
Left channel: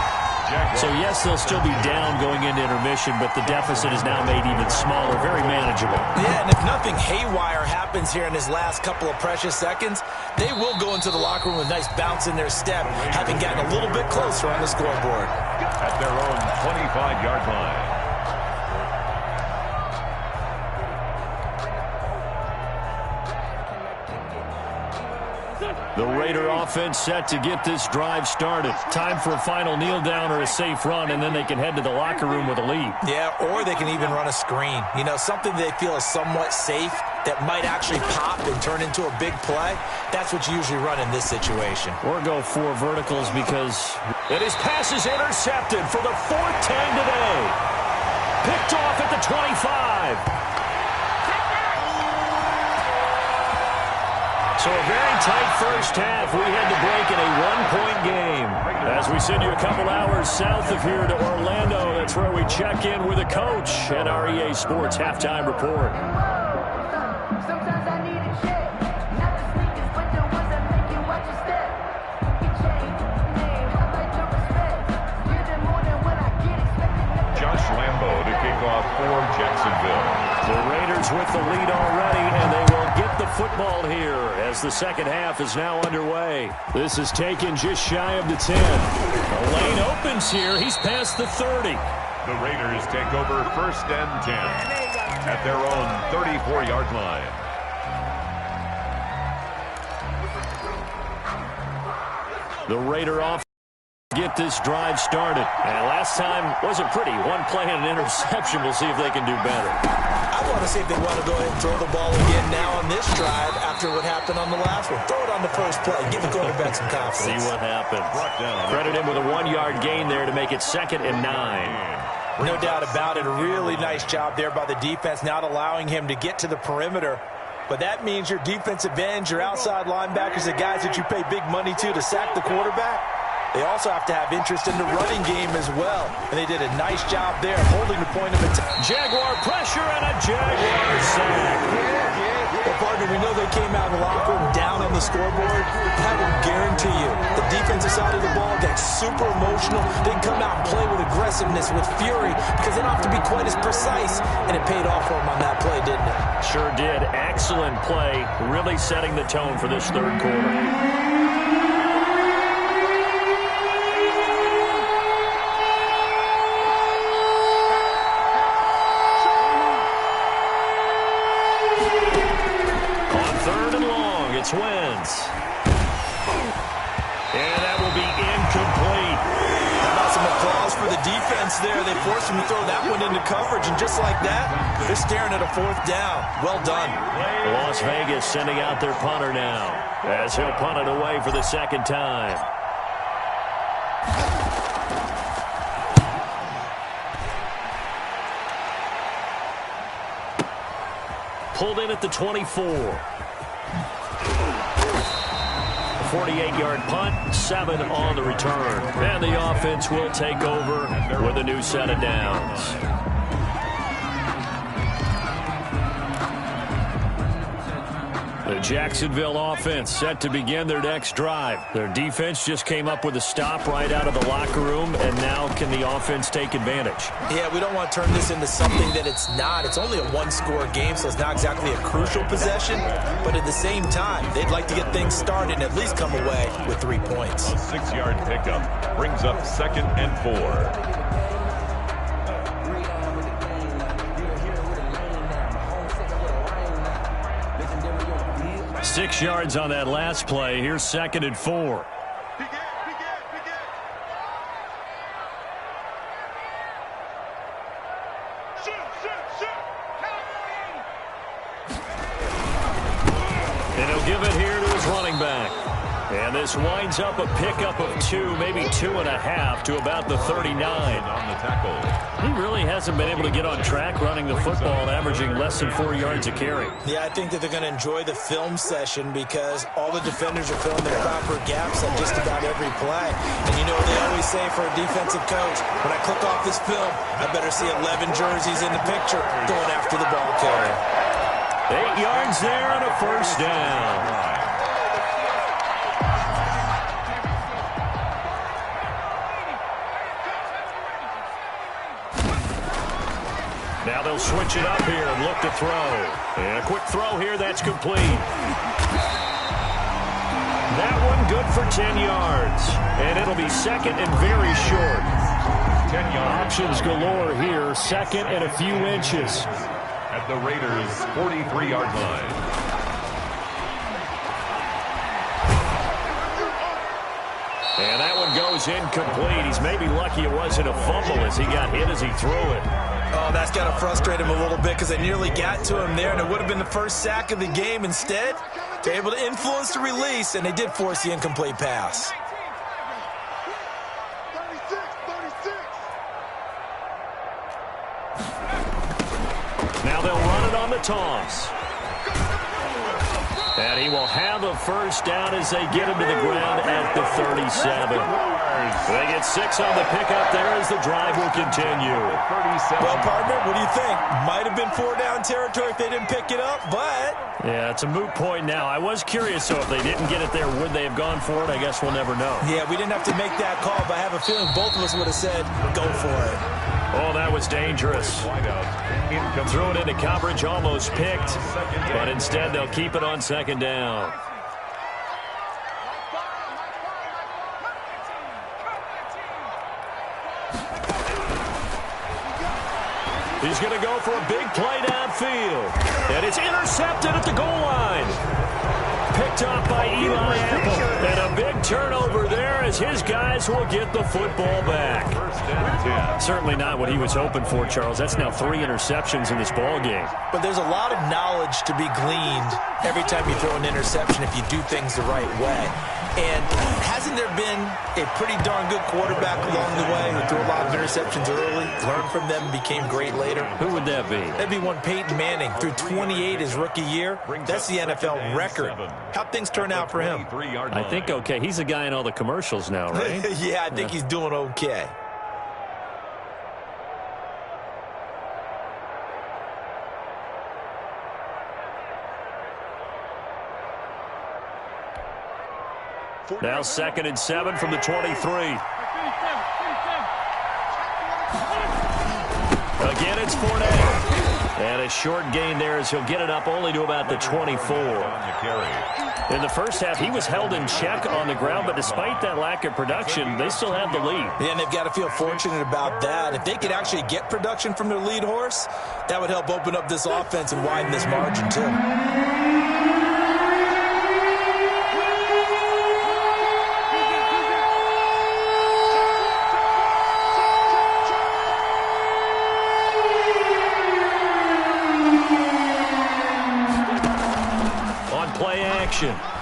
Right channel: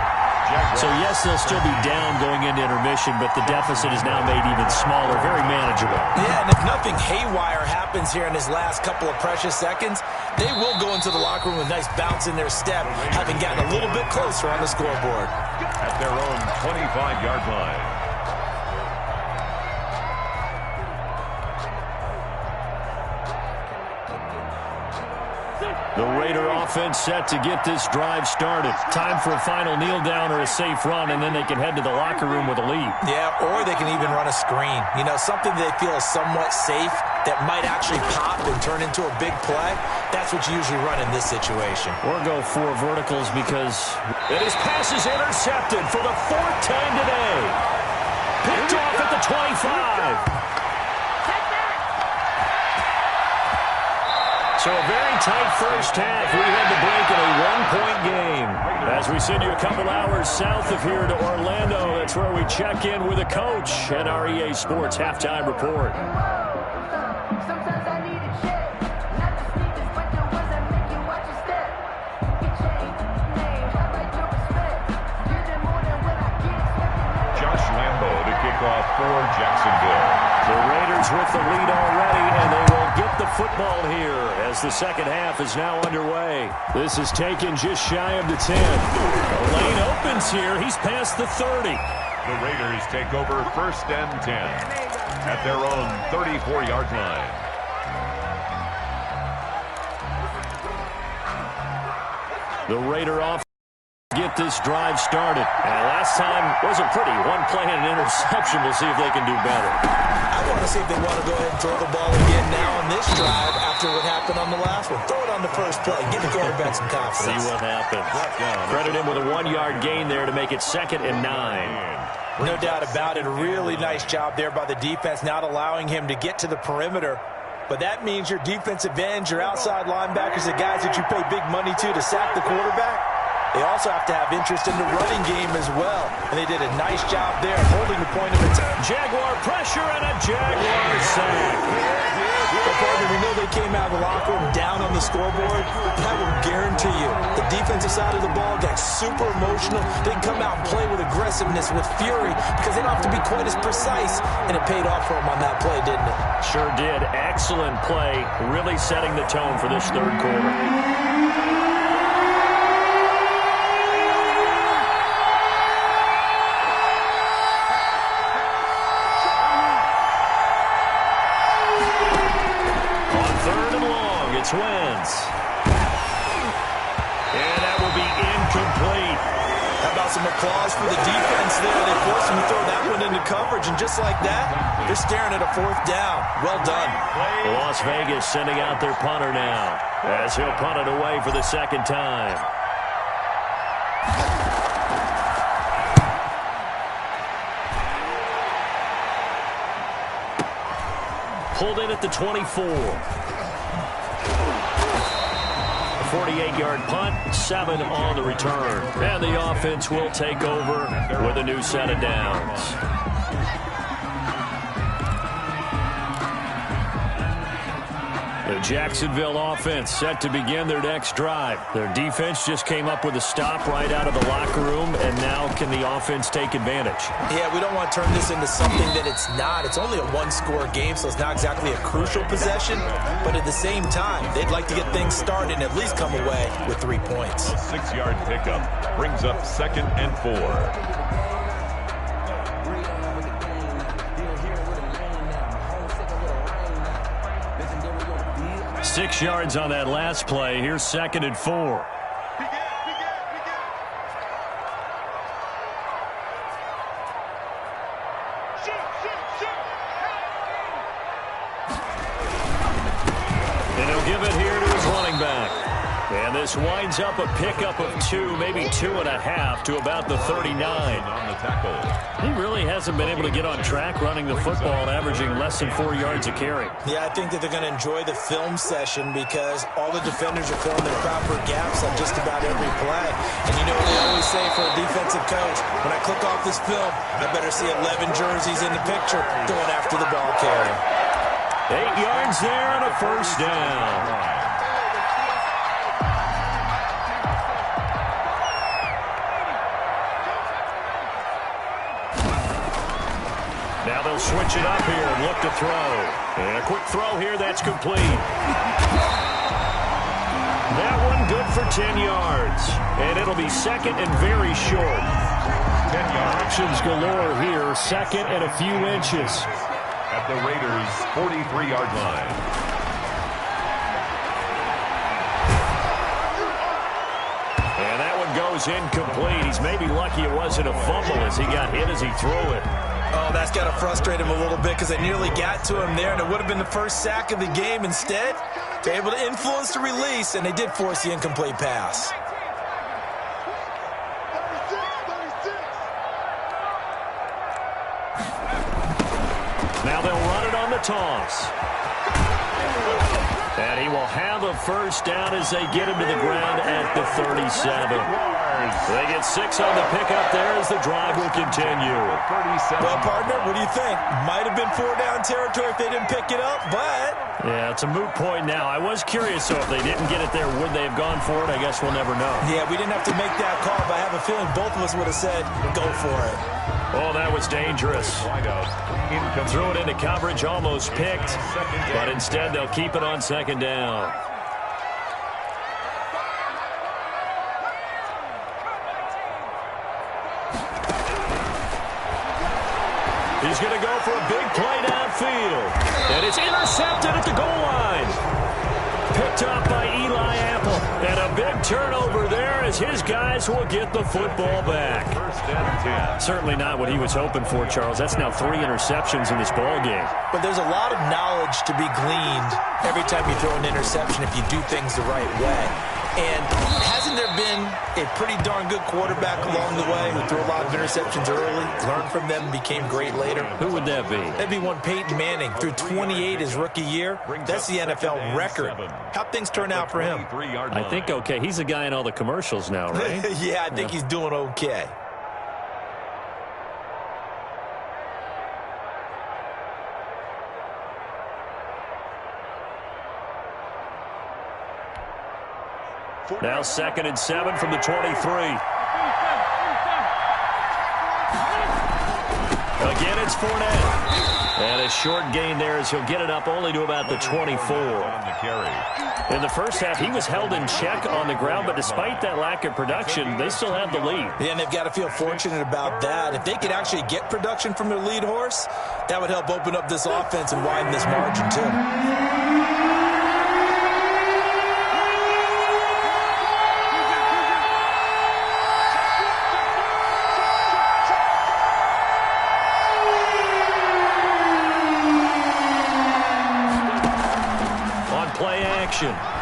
So, yes, they'll still be down going into intermission, but the deficit is now made even smaller, very manageable. Yeah, and if nothing haywire happens here in his last couple of precious seconds, they will go into the locker room with a nice bounce in their step, having gotten a little bit closer on the scoreboard. At their own 25-yard line. The Raider offense set to get this drive started. Time for a final kneel down or a safe run, and then they can head to the locker room with a lead. Yeah, or they can even run a screen. You know, something they feel is somewhat safe that might actually pop and turn into a big play. That's what you usually run in this situation. Or go 4 verticals because his pass is intercepted for the 4th time today. Picked off at the 25. So a very tight first half. We had to break in a 1-point game. As we send you a couple hours south of here to Orlando, that's where we check in with a coach at our EA Sports Halftime Report. Sometimes I need a check, not the sneakers, but the ones that make you watch your step. You can change name, how about your respect? You're the more than what I get expected. Josh Lambeau to kick off for Jacksonville. The Raiders with the lead already, and they will get the football here as the second half is now underway. This is taken just shy of the 10. The lane opens here. He's past the 30. The Raiders take over 1st and 10 at their own 34-yard line. The Raider offense Get this drive started. And last time wasn't pretty. One play and an interception. We'll see if they can do better. I want to see if they want to go ahead and throw the ball again now on this drive after what happened on the last one. Throw it on the first play. Give the quarterback some confidence. See what happens. Credit him with a 1-yard gain there to make it 2nd and 9. No doubt about it. A really nice job there by the defense, not allowing him to get to the perimeter. But that means your defensive ends, your outside linebackers, the guys that you pay big money to sack the quarterback, they also have to have interest in the running game as well. And they did a nice job there holding the point of attack. Jaguar pressure and a Jaguar sack. Well, partner, we know they came out of the locker room down on the scoreboard. That will guarantee you the defensive side of the ball got super emotional. They come out and play with aggressiveness, with fury, because they don't have to be quite as precise. And it paid off for them on that play, didn't it? Sure did. Excellent play. Really setting the tone for this third quarter. It's Wentz. And that will be incomplete. How about some applause for the defense there? They forced him to throw that one into coverage, and just like that, they're staring at a 4th down. Well done. Las Vegas sending out their punter now, as he'll punt it away for the 2nd time. Pulled in at the 24. 48-yard punt, 7 on the return. And the offense will take over with a new set of downs. The Jacksonville offense set to begin their next drive. Their defense just came up with a stop right out of the locker room, and now can the offense take advantage? Yeah, we don't want to turn this into something that it's not. It's only a 1-score game, so it's not exactly a crucial possession. But at the same time, they'd like to get things started and at least come away with 3 points. A 6-yard pickup brings up 2nd and 4. 6 yards on that last play. Here's 2nd and 4. And he'll give it here to his running back. And this winds up a pickup of 2, maybe 2.5 to about the 39. On the tackle. He really hasn't been able to get on track running the football, averaging less than 4 yards a carry. Yeah, I think that they're going to enjoy the film session because all the defenders are filling their proper gaps on just about every play. And you know what they always say for a defensive coach? When I click off this film, I better see 11 jerseys in the picture going after the ball carrier. 8 yards there on a 1st down. Now they'll switch it up here and look to throw. And a quick throw here, that's complete. That one good for 10 yards. And it'll be 2nd and very short. 10 yards. Options galore here, 2nd and a few inches. At the Raiders' 43-yard line. And that one goes incomplete. He's maybe lucky it wasn't a fumble as he got hit as he threw it. Oh, that's got to frustrate him a little bit because they nearly got to him there, and it would have been the first sack of the game. Instead, they're able to influence the release, and they did force the incomplete pass. Now they'll run it on the toss. And he will have a 1st down as they get him to the ground at the 37. They get 6 on the pickup there as the drive will continue. Well, partner, what do you think? Might have been 4-down territory if they didn't pick it up, but... Yeah, it's a moot point now. I was curious, so if they didn't get it there, would they have gone for it? I guess we'll never know. Yeah, we didn't have to make that call, but I have a feeling both of us would have said, go for it. Oh, that was dangerous. Threw it into coverage, almost picked, but instead they'll keep it on 2nd down. He's going to go for a big play downfield, and it's intercepted at the goal line. picked off by Eli Apple. And a big turnover there as his guys will get the football back. First and 10. Certainly not what he was hoping for, Charles. That's now 3 interceptions in this ball game. But there's a lot of knowledge to be gleaned every time you throw an interception if you do things the right way. And hasn't there been a pretty darn good quarterback along the way who threw a lot of interceptions early, learned from them, became great later? Who would that be? That'd be one Peyton Manning. Threw 28 his rookie year. That's the NFL record. How'd things turn out for him? I think okay. He's a guy in all the commercials now, right? Yeah, I think he's doing okay. Now 2nd and 7 from the 23. Again, it's Fournette. And a short gain there as he'll get it up only to about the 24. In the first half, he was held in check on the ground, but despite that lack of production, they still have the lead. Yeah, and they've got to feel fortunate about that. If they could actually get production from their lead horse, that would help open up this offense and widen this margin, too.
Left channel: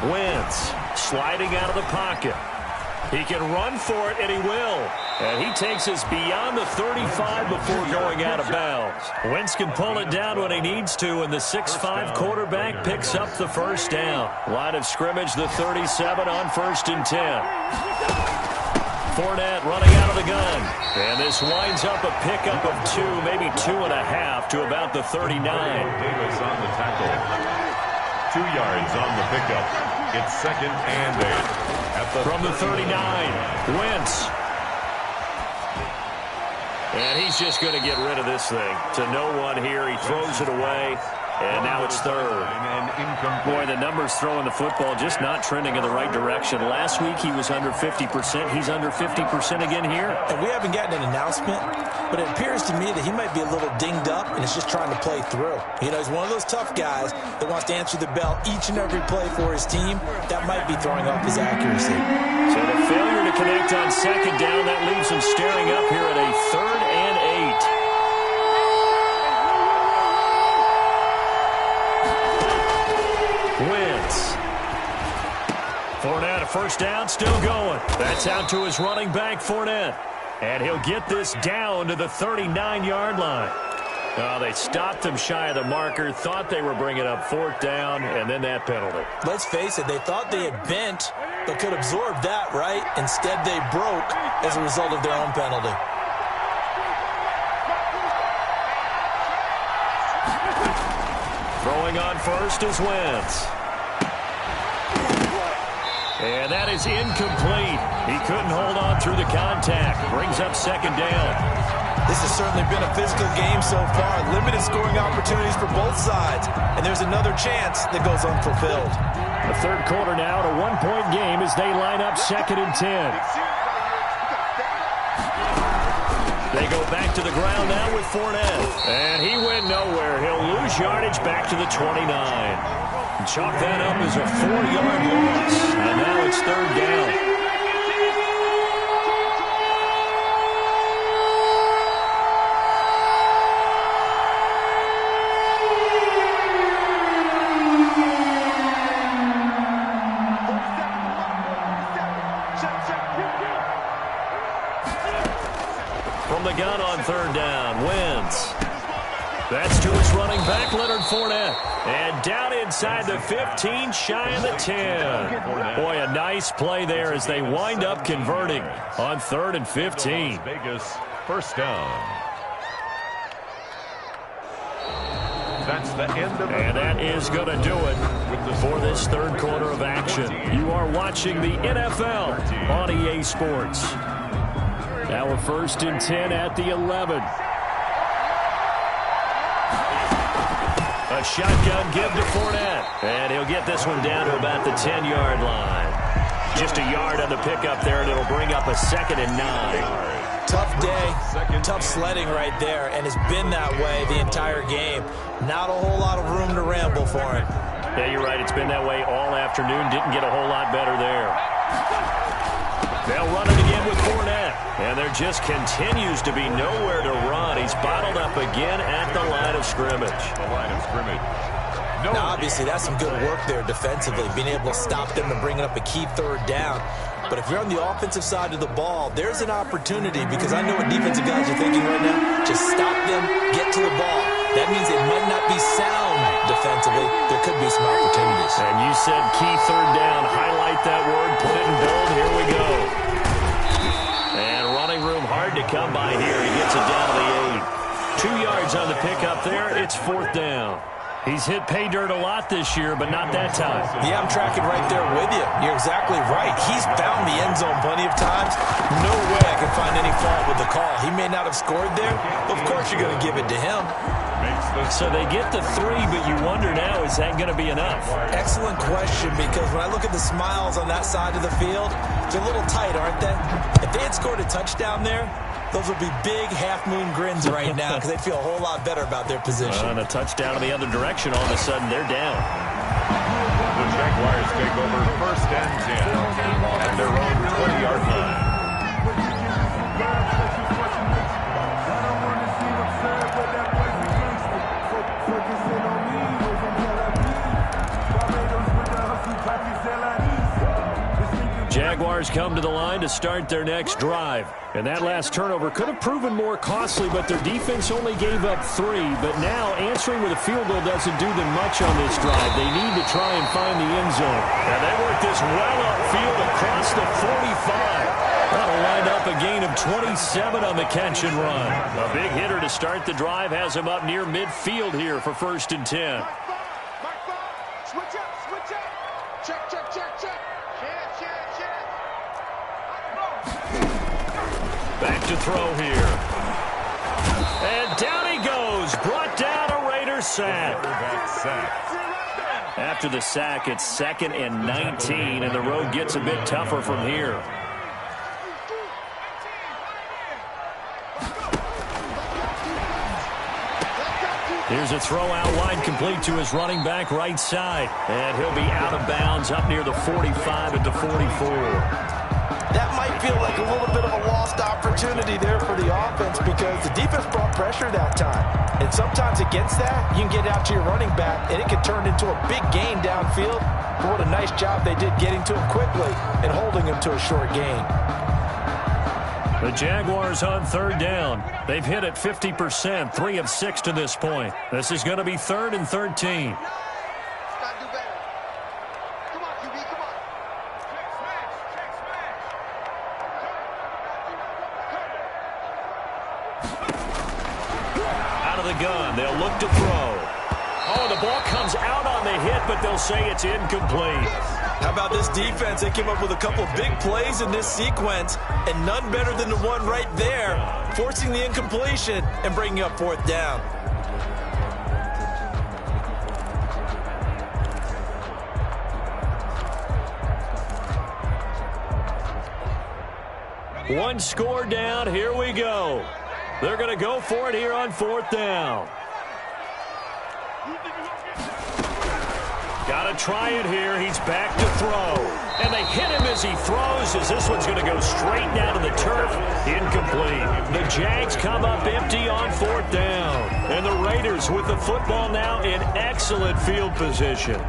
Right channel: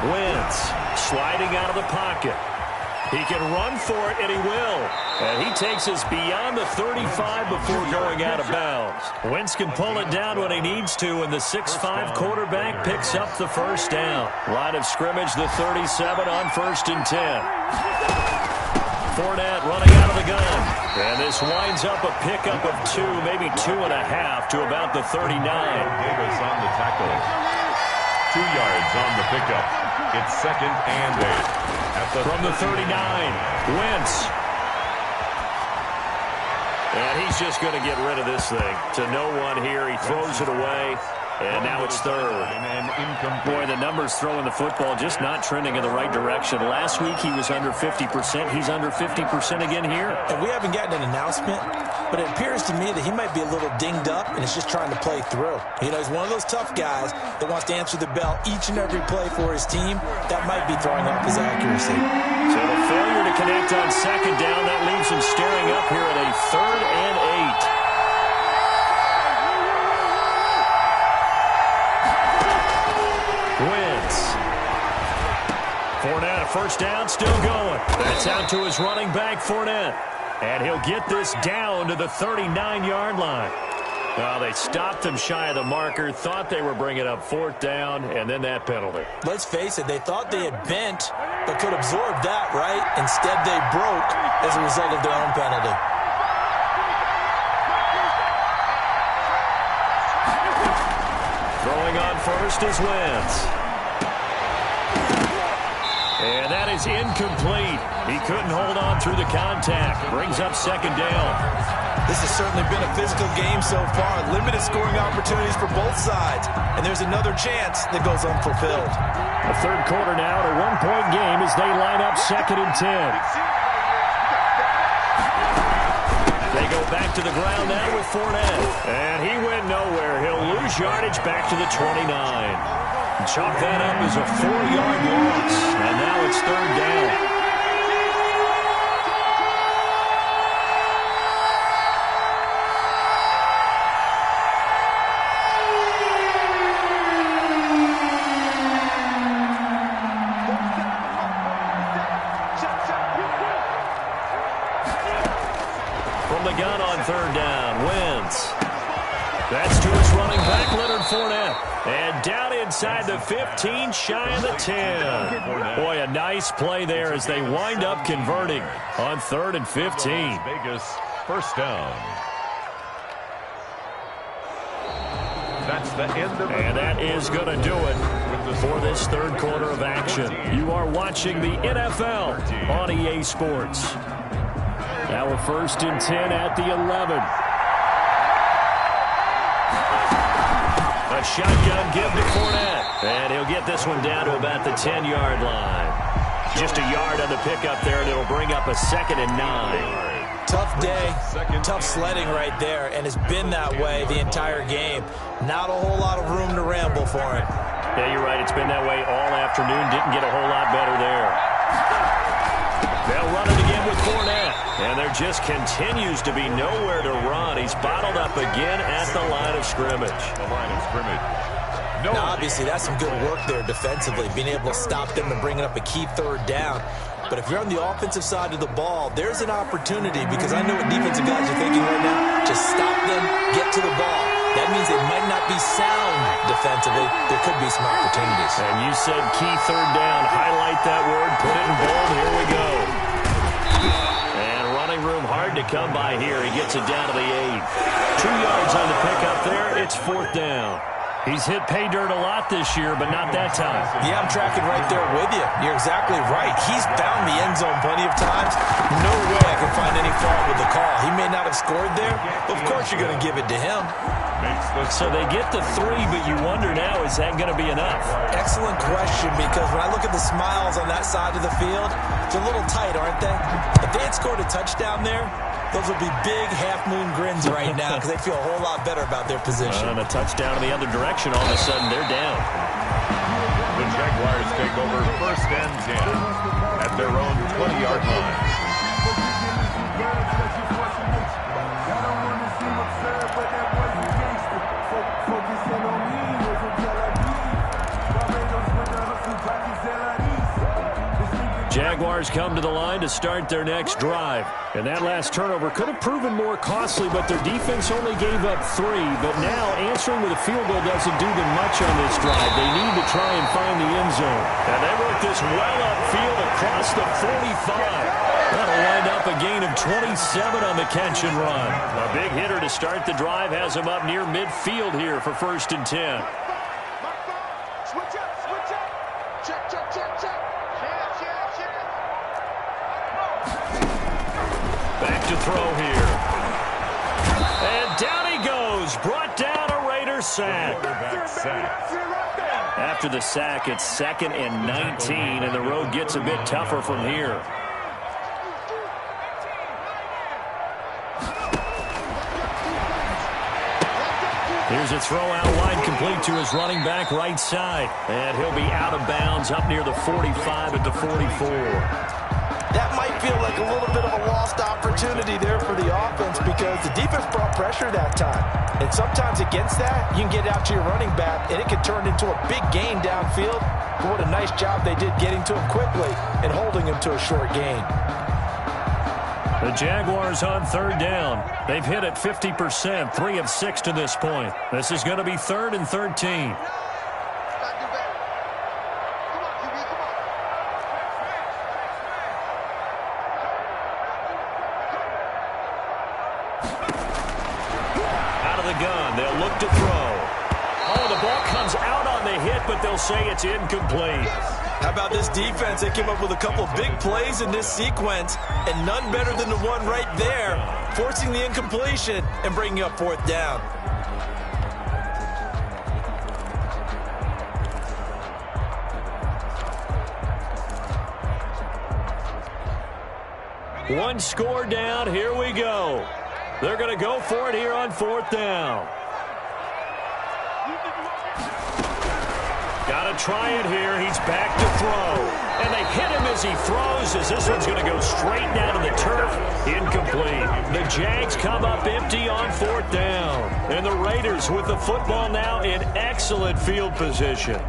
Wentz sliding out of the pocket. He can run for it, and he will. And he takes us beyond the 35 before going out of bounds. Wentz can pull it down when he needs to, and the 6'5" quarterback picks up the first down. Line of scrimmage, the 37 on 1st and 10. Fournette running out of the gun. And this winds up a pickup of 2, maybe 2.5 to about the 39. Davis on the tackle. 2 yards on the pickup. It's 2nd and 8. From the 39, Wentz. And he's just going to get rid of this thing. To no one here. He throws it away. And now it's 3rd. Boy, the numbers throwing the football just not trending in the right direction. Last week he was under 50%. He's under 50% again here. And we haven't gotten an announcement, but it appears to me that he might be a little dinged up and is just trying to play through. You know, he's one of those tough guys that wants to answer the bell each and every play for his team. That might be throwing off his accuracy. So the failure to connect on 2nd down, that leaves him staring up here at a 3rd and 8. Wentz. Fournette, a first down, still going. That's out to his running back, Fournette. And he'll get this down to the 39-yard line. Oh, they stopped him shy of the marker, thought they were bringing up 4th down, and then that penalty. Let's face it, they thought they had bent, but could absorb that, right? Instead, they broke as a result of their own penalty. Throwing on first is Wentz. And that is incomplete. He couldn't hold on through the contact. Brings up 2nd down. This has certainly been a physical game so far. Limited scoring opportunities for both sides. And there's another chance that goes unfulfilled. The 3rd quarter now, a 1-point game as they line up 2nd and 10. They go back to the ground now with Fournette. And he went nowhere. He'll lose yardage back to the 29. Chalk that up as a 4-yard loss. And now it's 3rd down. From the gun on 3rd down, Wentz. That's to his running back, Leonard Fournette. And down inside the 15, shy of the 10. Boy, a nice play there as they wind up converting on 3rd and 15. Vegas, first down. That's the end of it. And that is going to do it for this 3rd quarter of action. You are watching the NFL on EA Sports. Now a 1st and 10 at the 11. A shotgun give to Fournette. And he'll get this one down to about the 10-yard line. Just a yard on the pickup there, and it'll bring up a 2nd and 9. Tough day, tough sledding right there, and it's been that way the entire game. Not a whole lot of room to ramble for him. Yeah, you're right. It's been that way all afternoon. Didn't get a whole lot better there. They'll run it again with Fournette. And there just continues to be nowhere to run. He's bottled up again at the line of scrimmage. The line of scrimmage. No. Now, obviously, that's some good work there defensively, being able to stop them and bringing up a key third down. But if you're on the offensive side of the ball, there's an opportunity, because I know what defensive guys are thinking right now. Just stop them, get to the ball. That means they might not be sound defensively. There could be some opportunities. And you said key third down. Highlight that word. Put it in bold. Here we go. And running room hard to come by here. He gets it down to the 8. 2 yards on the pickup there. It's 4th down. He's hit pay dirt a lot this year, but not that time. Yeah, I'm tracking right there with you. You're exactly right. He's found the end zone plenty of times. No way I can find any fault with the call. He may not have scored there, but of course you're going to give it to him. So they get the 3, but you wonder now, is that going to be enough? Excellent question, because when I look at the smiles on that side of the field, they're a little tight, aren't they? If they had scored a touchdown there, those would be big half-moon grins right now, because they feel a whole lot better about their position. And a touchdown in the other direction, all of a sudden they're down. The Jaguars take over 1st and 10 at their own 20-yard line. Jaguars come to the line to start their next drive. And that last turnover could have proven more costly, but their defense only gave up 3. But now answering with a field goal doesn't do them much on this drive. They need to try and find the end zone. And they work this well upfield across the 45. That'll wind up a gain of 27 on the catch and run. A big hitter to start the drive has him up near midfield here for 1st and 10. Mark 5. Switch up, switch up. Check, check, check, check. Check, check, check. Back to throw here. And down he goes. Brought down a Raider sack. Quarterback sack. After the sack, it's 2nd and 19, and the road gets a bit tougher from here. Here's a throw out wide, complete to his running back right side. And he'll be out of bounds up near the 45 at the 44. That might feel like a little bit of a lost opportunity there for the offense, because the defense brought pressure that time. And sometimes against that, you can get out to your running back, and it can turn into a big gain downfield. But what a nice job they did getting to him quickly and holding him to a short gain. The Jaguars on 3rd down. They've hit it 50%, 3 of 6 to this point. This is going to be 3rd and 13. Out of the gun, they'll look to throw. Oh, the ball comes out on the hit, but they'll say it's incomplete. How about this defense? They came up with a couple of big plays in this sequence, and none better than the one right there, forcing the incompletion and bringing up 4th down. One score down. Here we go. They're going to go for it here on 4th down. Got to try it here. He's back to throw. And they hit him as he throws, as this one's going to go straight down to the turf. Incomplete. The Jags come up empty on 4th down. And the Raiders with the football now in excellent field position.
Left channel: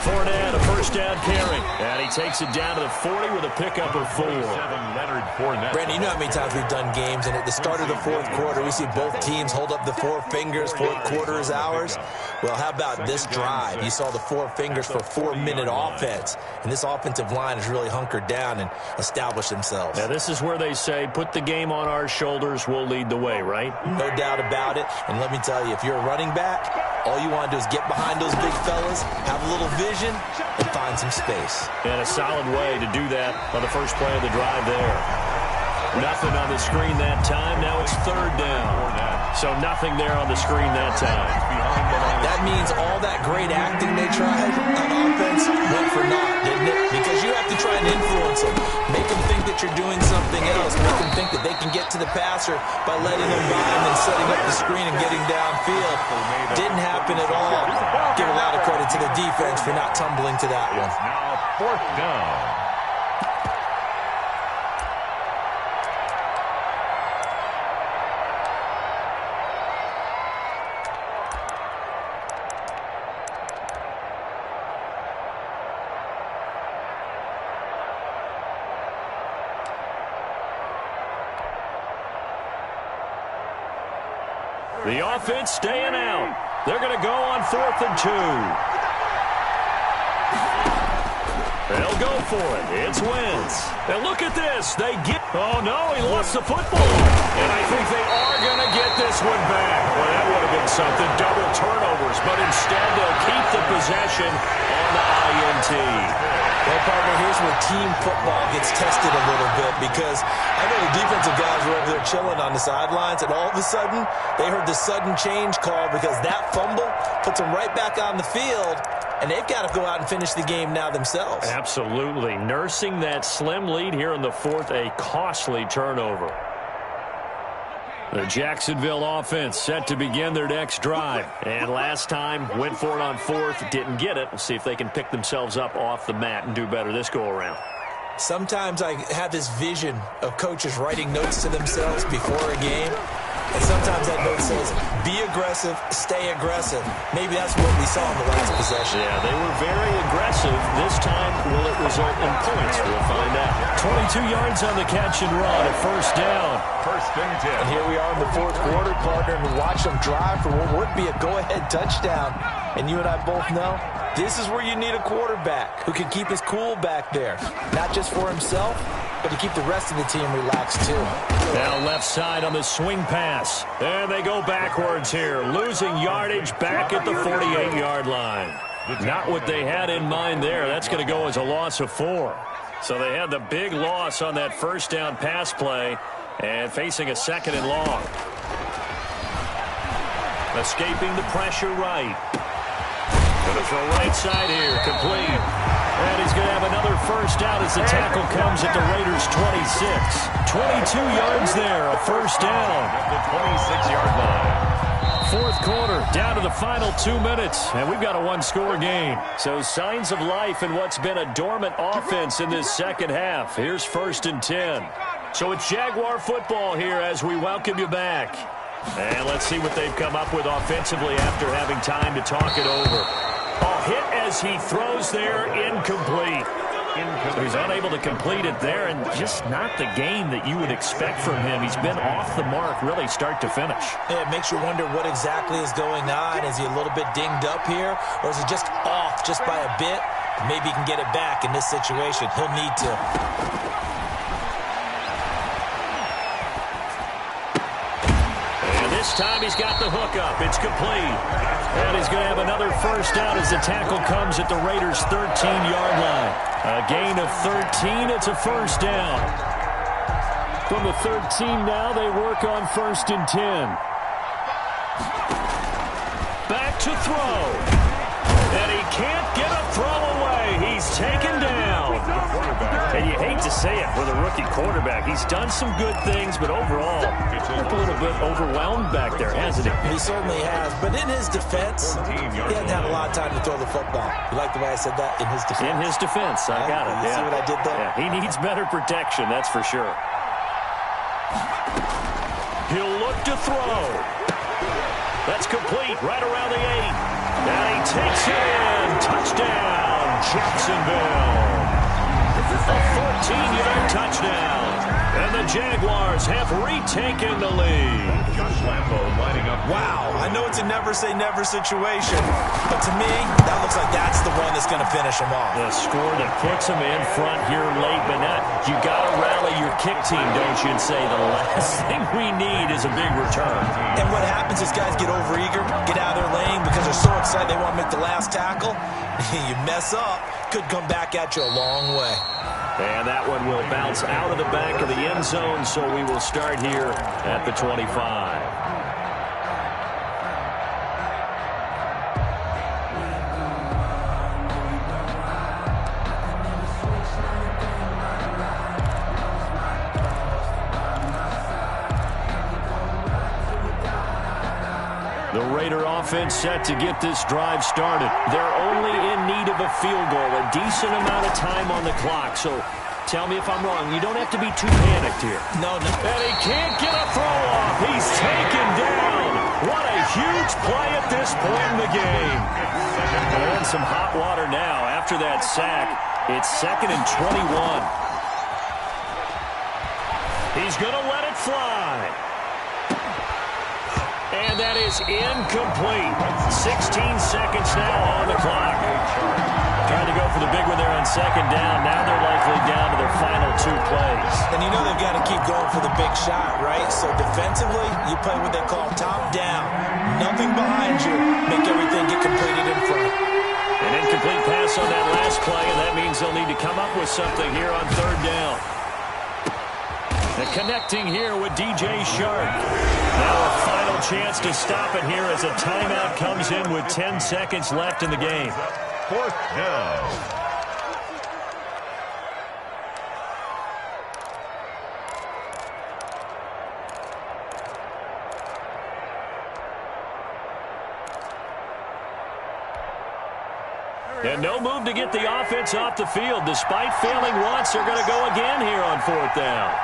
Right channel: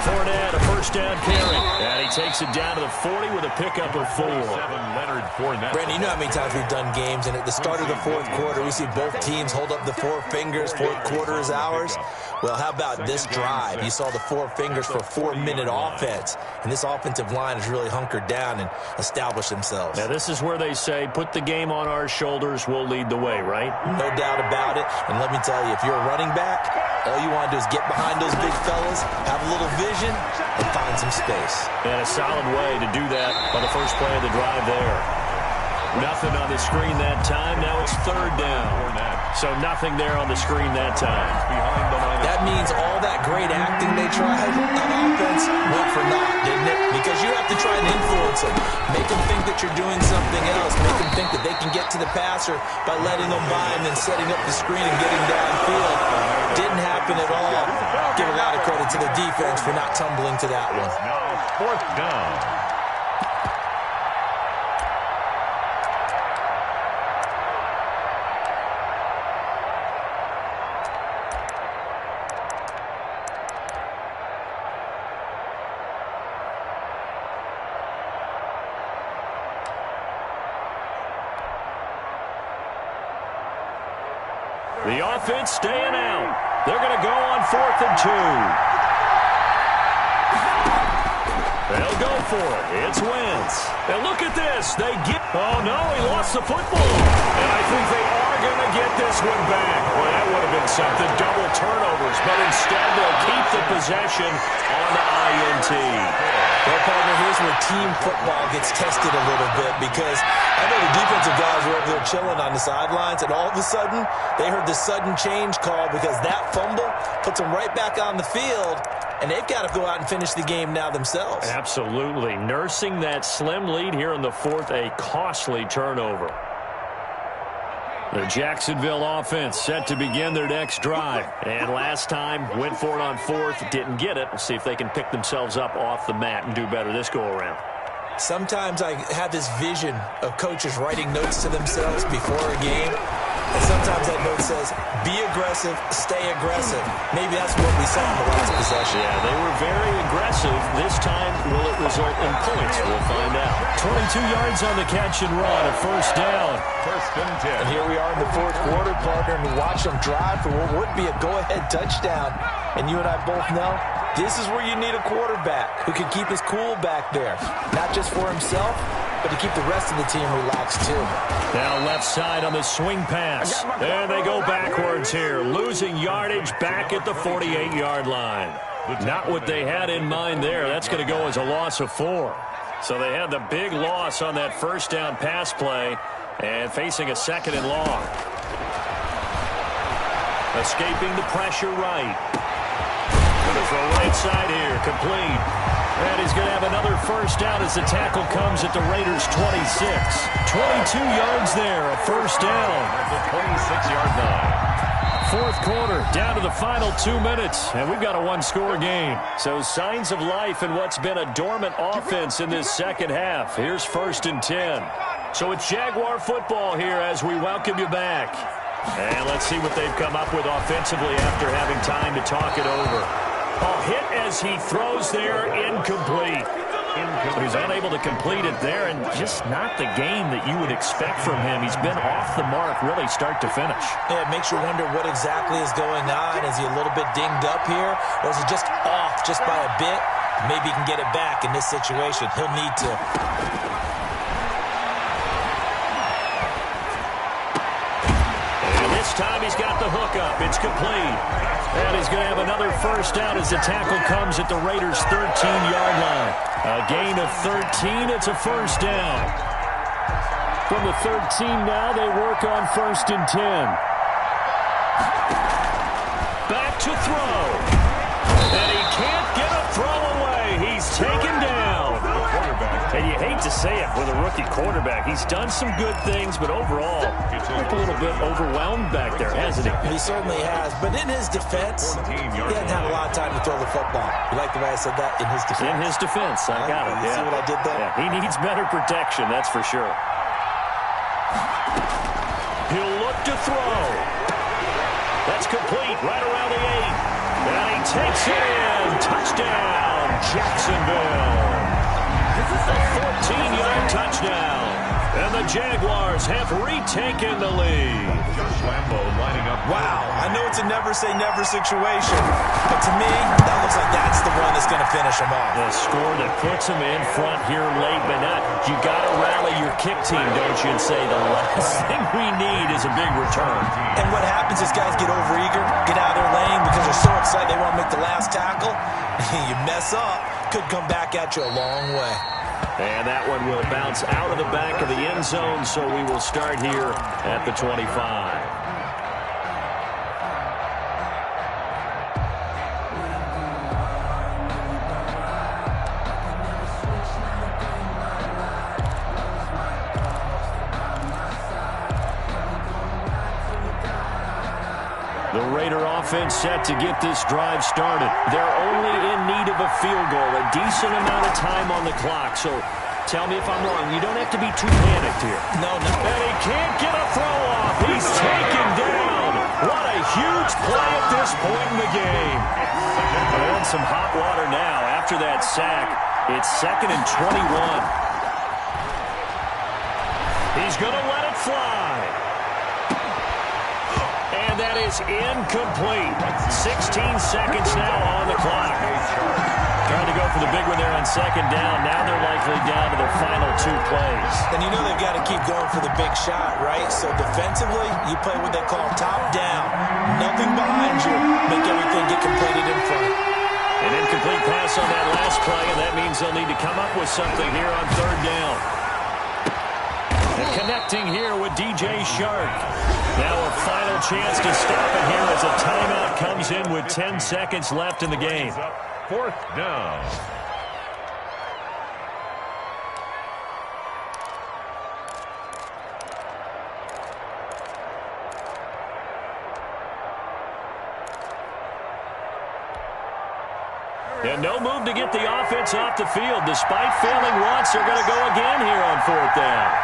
Fournette, a 1st down carry. And he takes it down to the 40 with a pickup of 4. Leonard Fournette. Brandon, you know how many times we've done games, and at the start of the 4th quarter, we see both teams hold up the 4 fingers, 4th quarter is ours. Well, how about this drive? You saw the 4 fingers for 4-minute offense, and this offensive line has really hunkered down and established themselves. Now, this is where they say, put the game on our shoulders, we'll lead the way, right? No doubt about it, and let me tell you, if you're a running back, all you want to do is get behind those big fellas, have a little vision, and find some space. And a solid way to do that on the first play of the drive there. Nothing on the screen that time. Now it's 3rd down. So nothing there on the screen that time. That means all that great acting they tried on offense went for naught, didn't it? Because you have to try and influence them, make them think that you're doing something else. Make them think that they can get to the passer by letting them by and then setting up the screen and getting downfield. Didn't happen at all. Give a lot of credit to the defense for not tumbling to that one. Now 4th down. The offense staying out. They're going to go on 4th and 2. They'll go for it. It's Wentz. And look at this. They get... Oh, no, he lost the football. And I think they are going to get this one back. Well, that would have been something. Double turnovers. But instead, they'll keep the possession on the INT. Well, partner, here's where team football gets tested a little bit because I know the defensive guys were over there chilling on the sidelines, and all of a sudden, they heard the sudden change call because that fumble puts them right back on the field, and they've got to go out and finish the game now themselves. Absolutely. Nursing that slim lead here in the 4th, a costly turnover. The Jacksonville offense set to begin their next drive. And last time, went for it on 4th, didn't get it. We'll see if they can pick themselves up off the mat and do better this go-around. Sometimes I have this vision of coaches writing notes to themselves before a game. And sometimes that note says, be aggressive, stay aggressive. Maybe that's what we saw in the last possession. Yeah, they were very aggressive. This time, will it result in points? We'll find out. 22 yards on the catch and run, a 1st down. 1st and 10. And here we are in the 4th quarter, partner, and watch them drive for what would be a go-ahead touchdown. And you and I both know this is where you need a quarterback who can keep his cool back there. Not just for himself, but to keep the rest of the team relaxed, too. Now left side on the swing pass. And they go backwards here, losing yardage back at the 48-yard line. Not what they had in mind there. That's going to go as a loss of 4. So they had the big loss on that 1st down pass play and facing a 2nd and long. Escaping the pressure right. Going to throw right side here, complete. And he's going to have another 1st down as the tackle comes at the Raiders' 26. 22 yards there, a 1st down. At the 26-yard line. 4th quarter, down to the final 2 minutes, and we've got a 1-score game. So signs of life in what's been a dormant offense in this second half. Here's 1st and 10. So it's Jaguar football here as we welcome you back. And let's see what they've come up with offensively after having time to talk it over. Oh, hit as he throws there, incomplete. So he's unable to complete it there, and just not the game that you would expect from him. He's been off the mark, really, start to finish. Yeah, it makes you wonder what exactly is going on. Is he a little bit dinged up here, or is he just off just by a bit? Maybe he can get it back in this situation. He'll need to. This time he's got the hook up. It's complete. And he's going to have another 1st down as the tackle comes at the Raiders' 13-yard line. A gain of 13. It's a 1st down. From the 13 now, they work on 1st and 10. Back to throw. And he can't get a throw away. He's taken down. And you hate to say it with a rookie quarterback. He's done some good things, but overall, looked a little bit overwhelmed back there, hasn't he? He certainly has. But in his defense, he hasn't had a lot of time to throw the football. You like the way I said that? In his defense? In his defense. I got it. You see what I did there? Yeah, he needs better protection, that's for sure. He'll look to throw. That's complete right around the 8. And he takes it in. Touchdown, Jacksonville. A 14-yard touchdown. And the Jaguars have retaken the lead. Josh Lambo lining up. Wow, I know it's a never-say-never situation, but to me, that looks like that's the one that's going to finish them off. The score that puts them in front here late, but not. You got to rally your kick team, don't you, and say the last thing we need is a big return. And what happens is guys get overeager, get out of their lane because they're so excited they want to make the last tackle. You mess up, could come back at you a long way. And that one will bounce out of the back of the end zone, so we will start here at the 25. Raider offense set to get this drive started. They're only in need of a field goal, a decent amount of time on the clock. So tell me if I'm wrong. You don't have to be too panicked here. No. And he can't get a throw off. He's taken down. What a huge play at this point in the game. And some hot water now after that sack. It's 2nd and 21. He's going to let it fly. And that is incomplete. 16 seconds now on the clock. Trying to go for the big one there on 2nd down. Now they're likely down to their final 2 plays. And you know they've got to keep going for the big shot, right? So defensively, you play what they call top down. Nothing behind you. Make everything get completed in front. An incomplete pass on that last play, and that means they'll need to come up with something here on 3rd down. And connecting here with DJ Shark. Now a final chance to stop it here as a timeout comes in with 10 seconds left in the game. 4th down. And no move to get the offense off the field. Despite failing once, they're going to go again here on 4th down.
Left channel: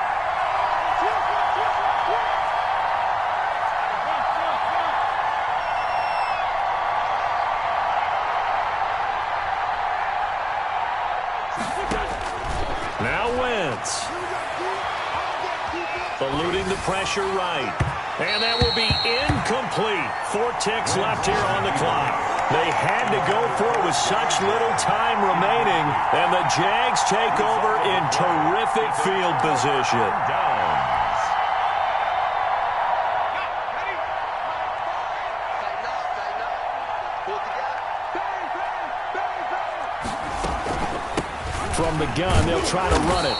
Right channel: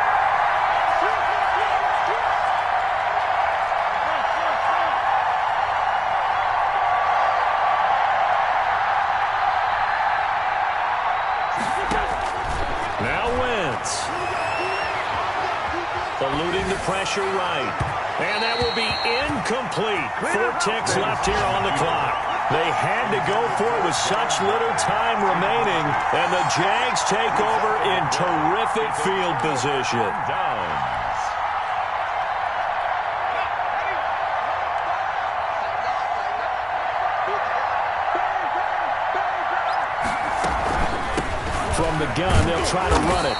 Now Wentz. Eluding the pressure right. And that will be incomplete. 4 ticks left here on the clock. They had to go for it with such little time remaining. And the Jags take over in terrific field position. Downs. From the gun, they'll try to run it.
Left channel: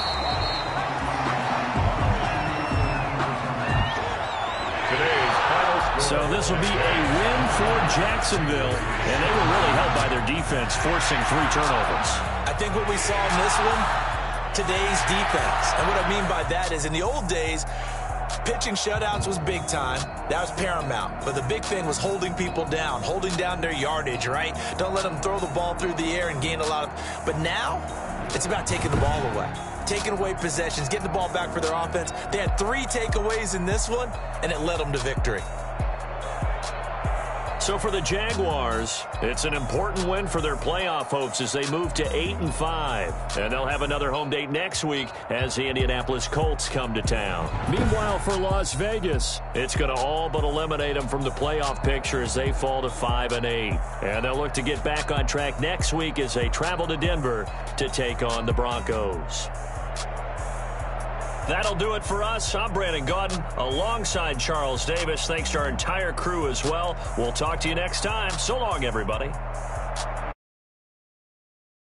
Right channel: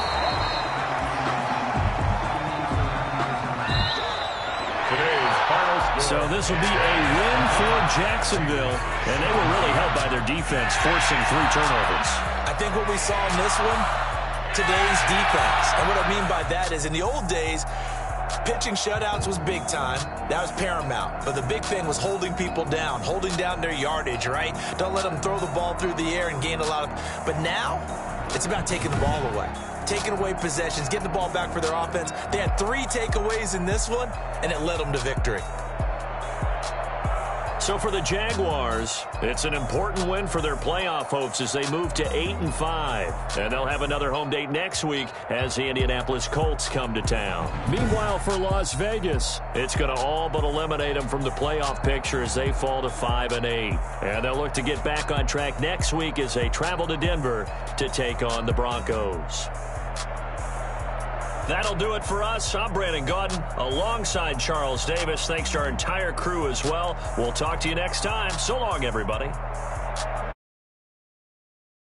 Today's final score. So this will be a win for Jacksonville. And they were really helped by their defense, forcing 3 turnovers. I think what we saw in this one, today's defense. And what I mean by that is in the old days, pitching shutouts was big time. That was paramount. But the big thing was holding people down, holding down their yardage, right? Don't let them throw the ball through the air and gain a lot of... But now, it's about taking the ball away. Taking away possessions, getting the ball back for their offense. They had 3 takeaways in this one, and it led them to victory. So for the Jaguars, it's an important win for their playoff hopes as they move to 8-5. And they'll have another home date next week as the Indianapolis Colts come to town. Meanwhile, for Las Vegas, it's going to all but eliminate them from the playoff picture as they fall to 5-8. And they'll look to get back on track next week as they travel to Denver to take on the Broncos. That'll do it for us. I'm Brandon Gaudin alongside Charles Davis. Thanks to our entire crew as well. We'll talk to you next time. So long, everybody.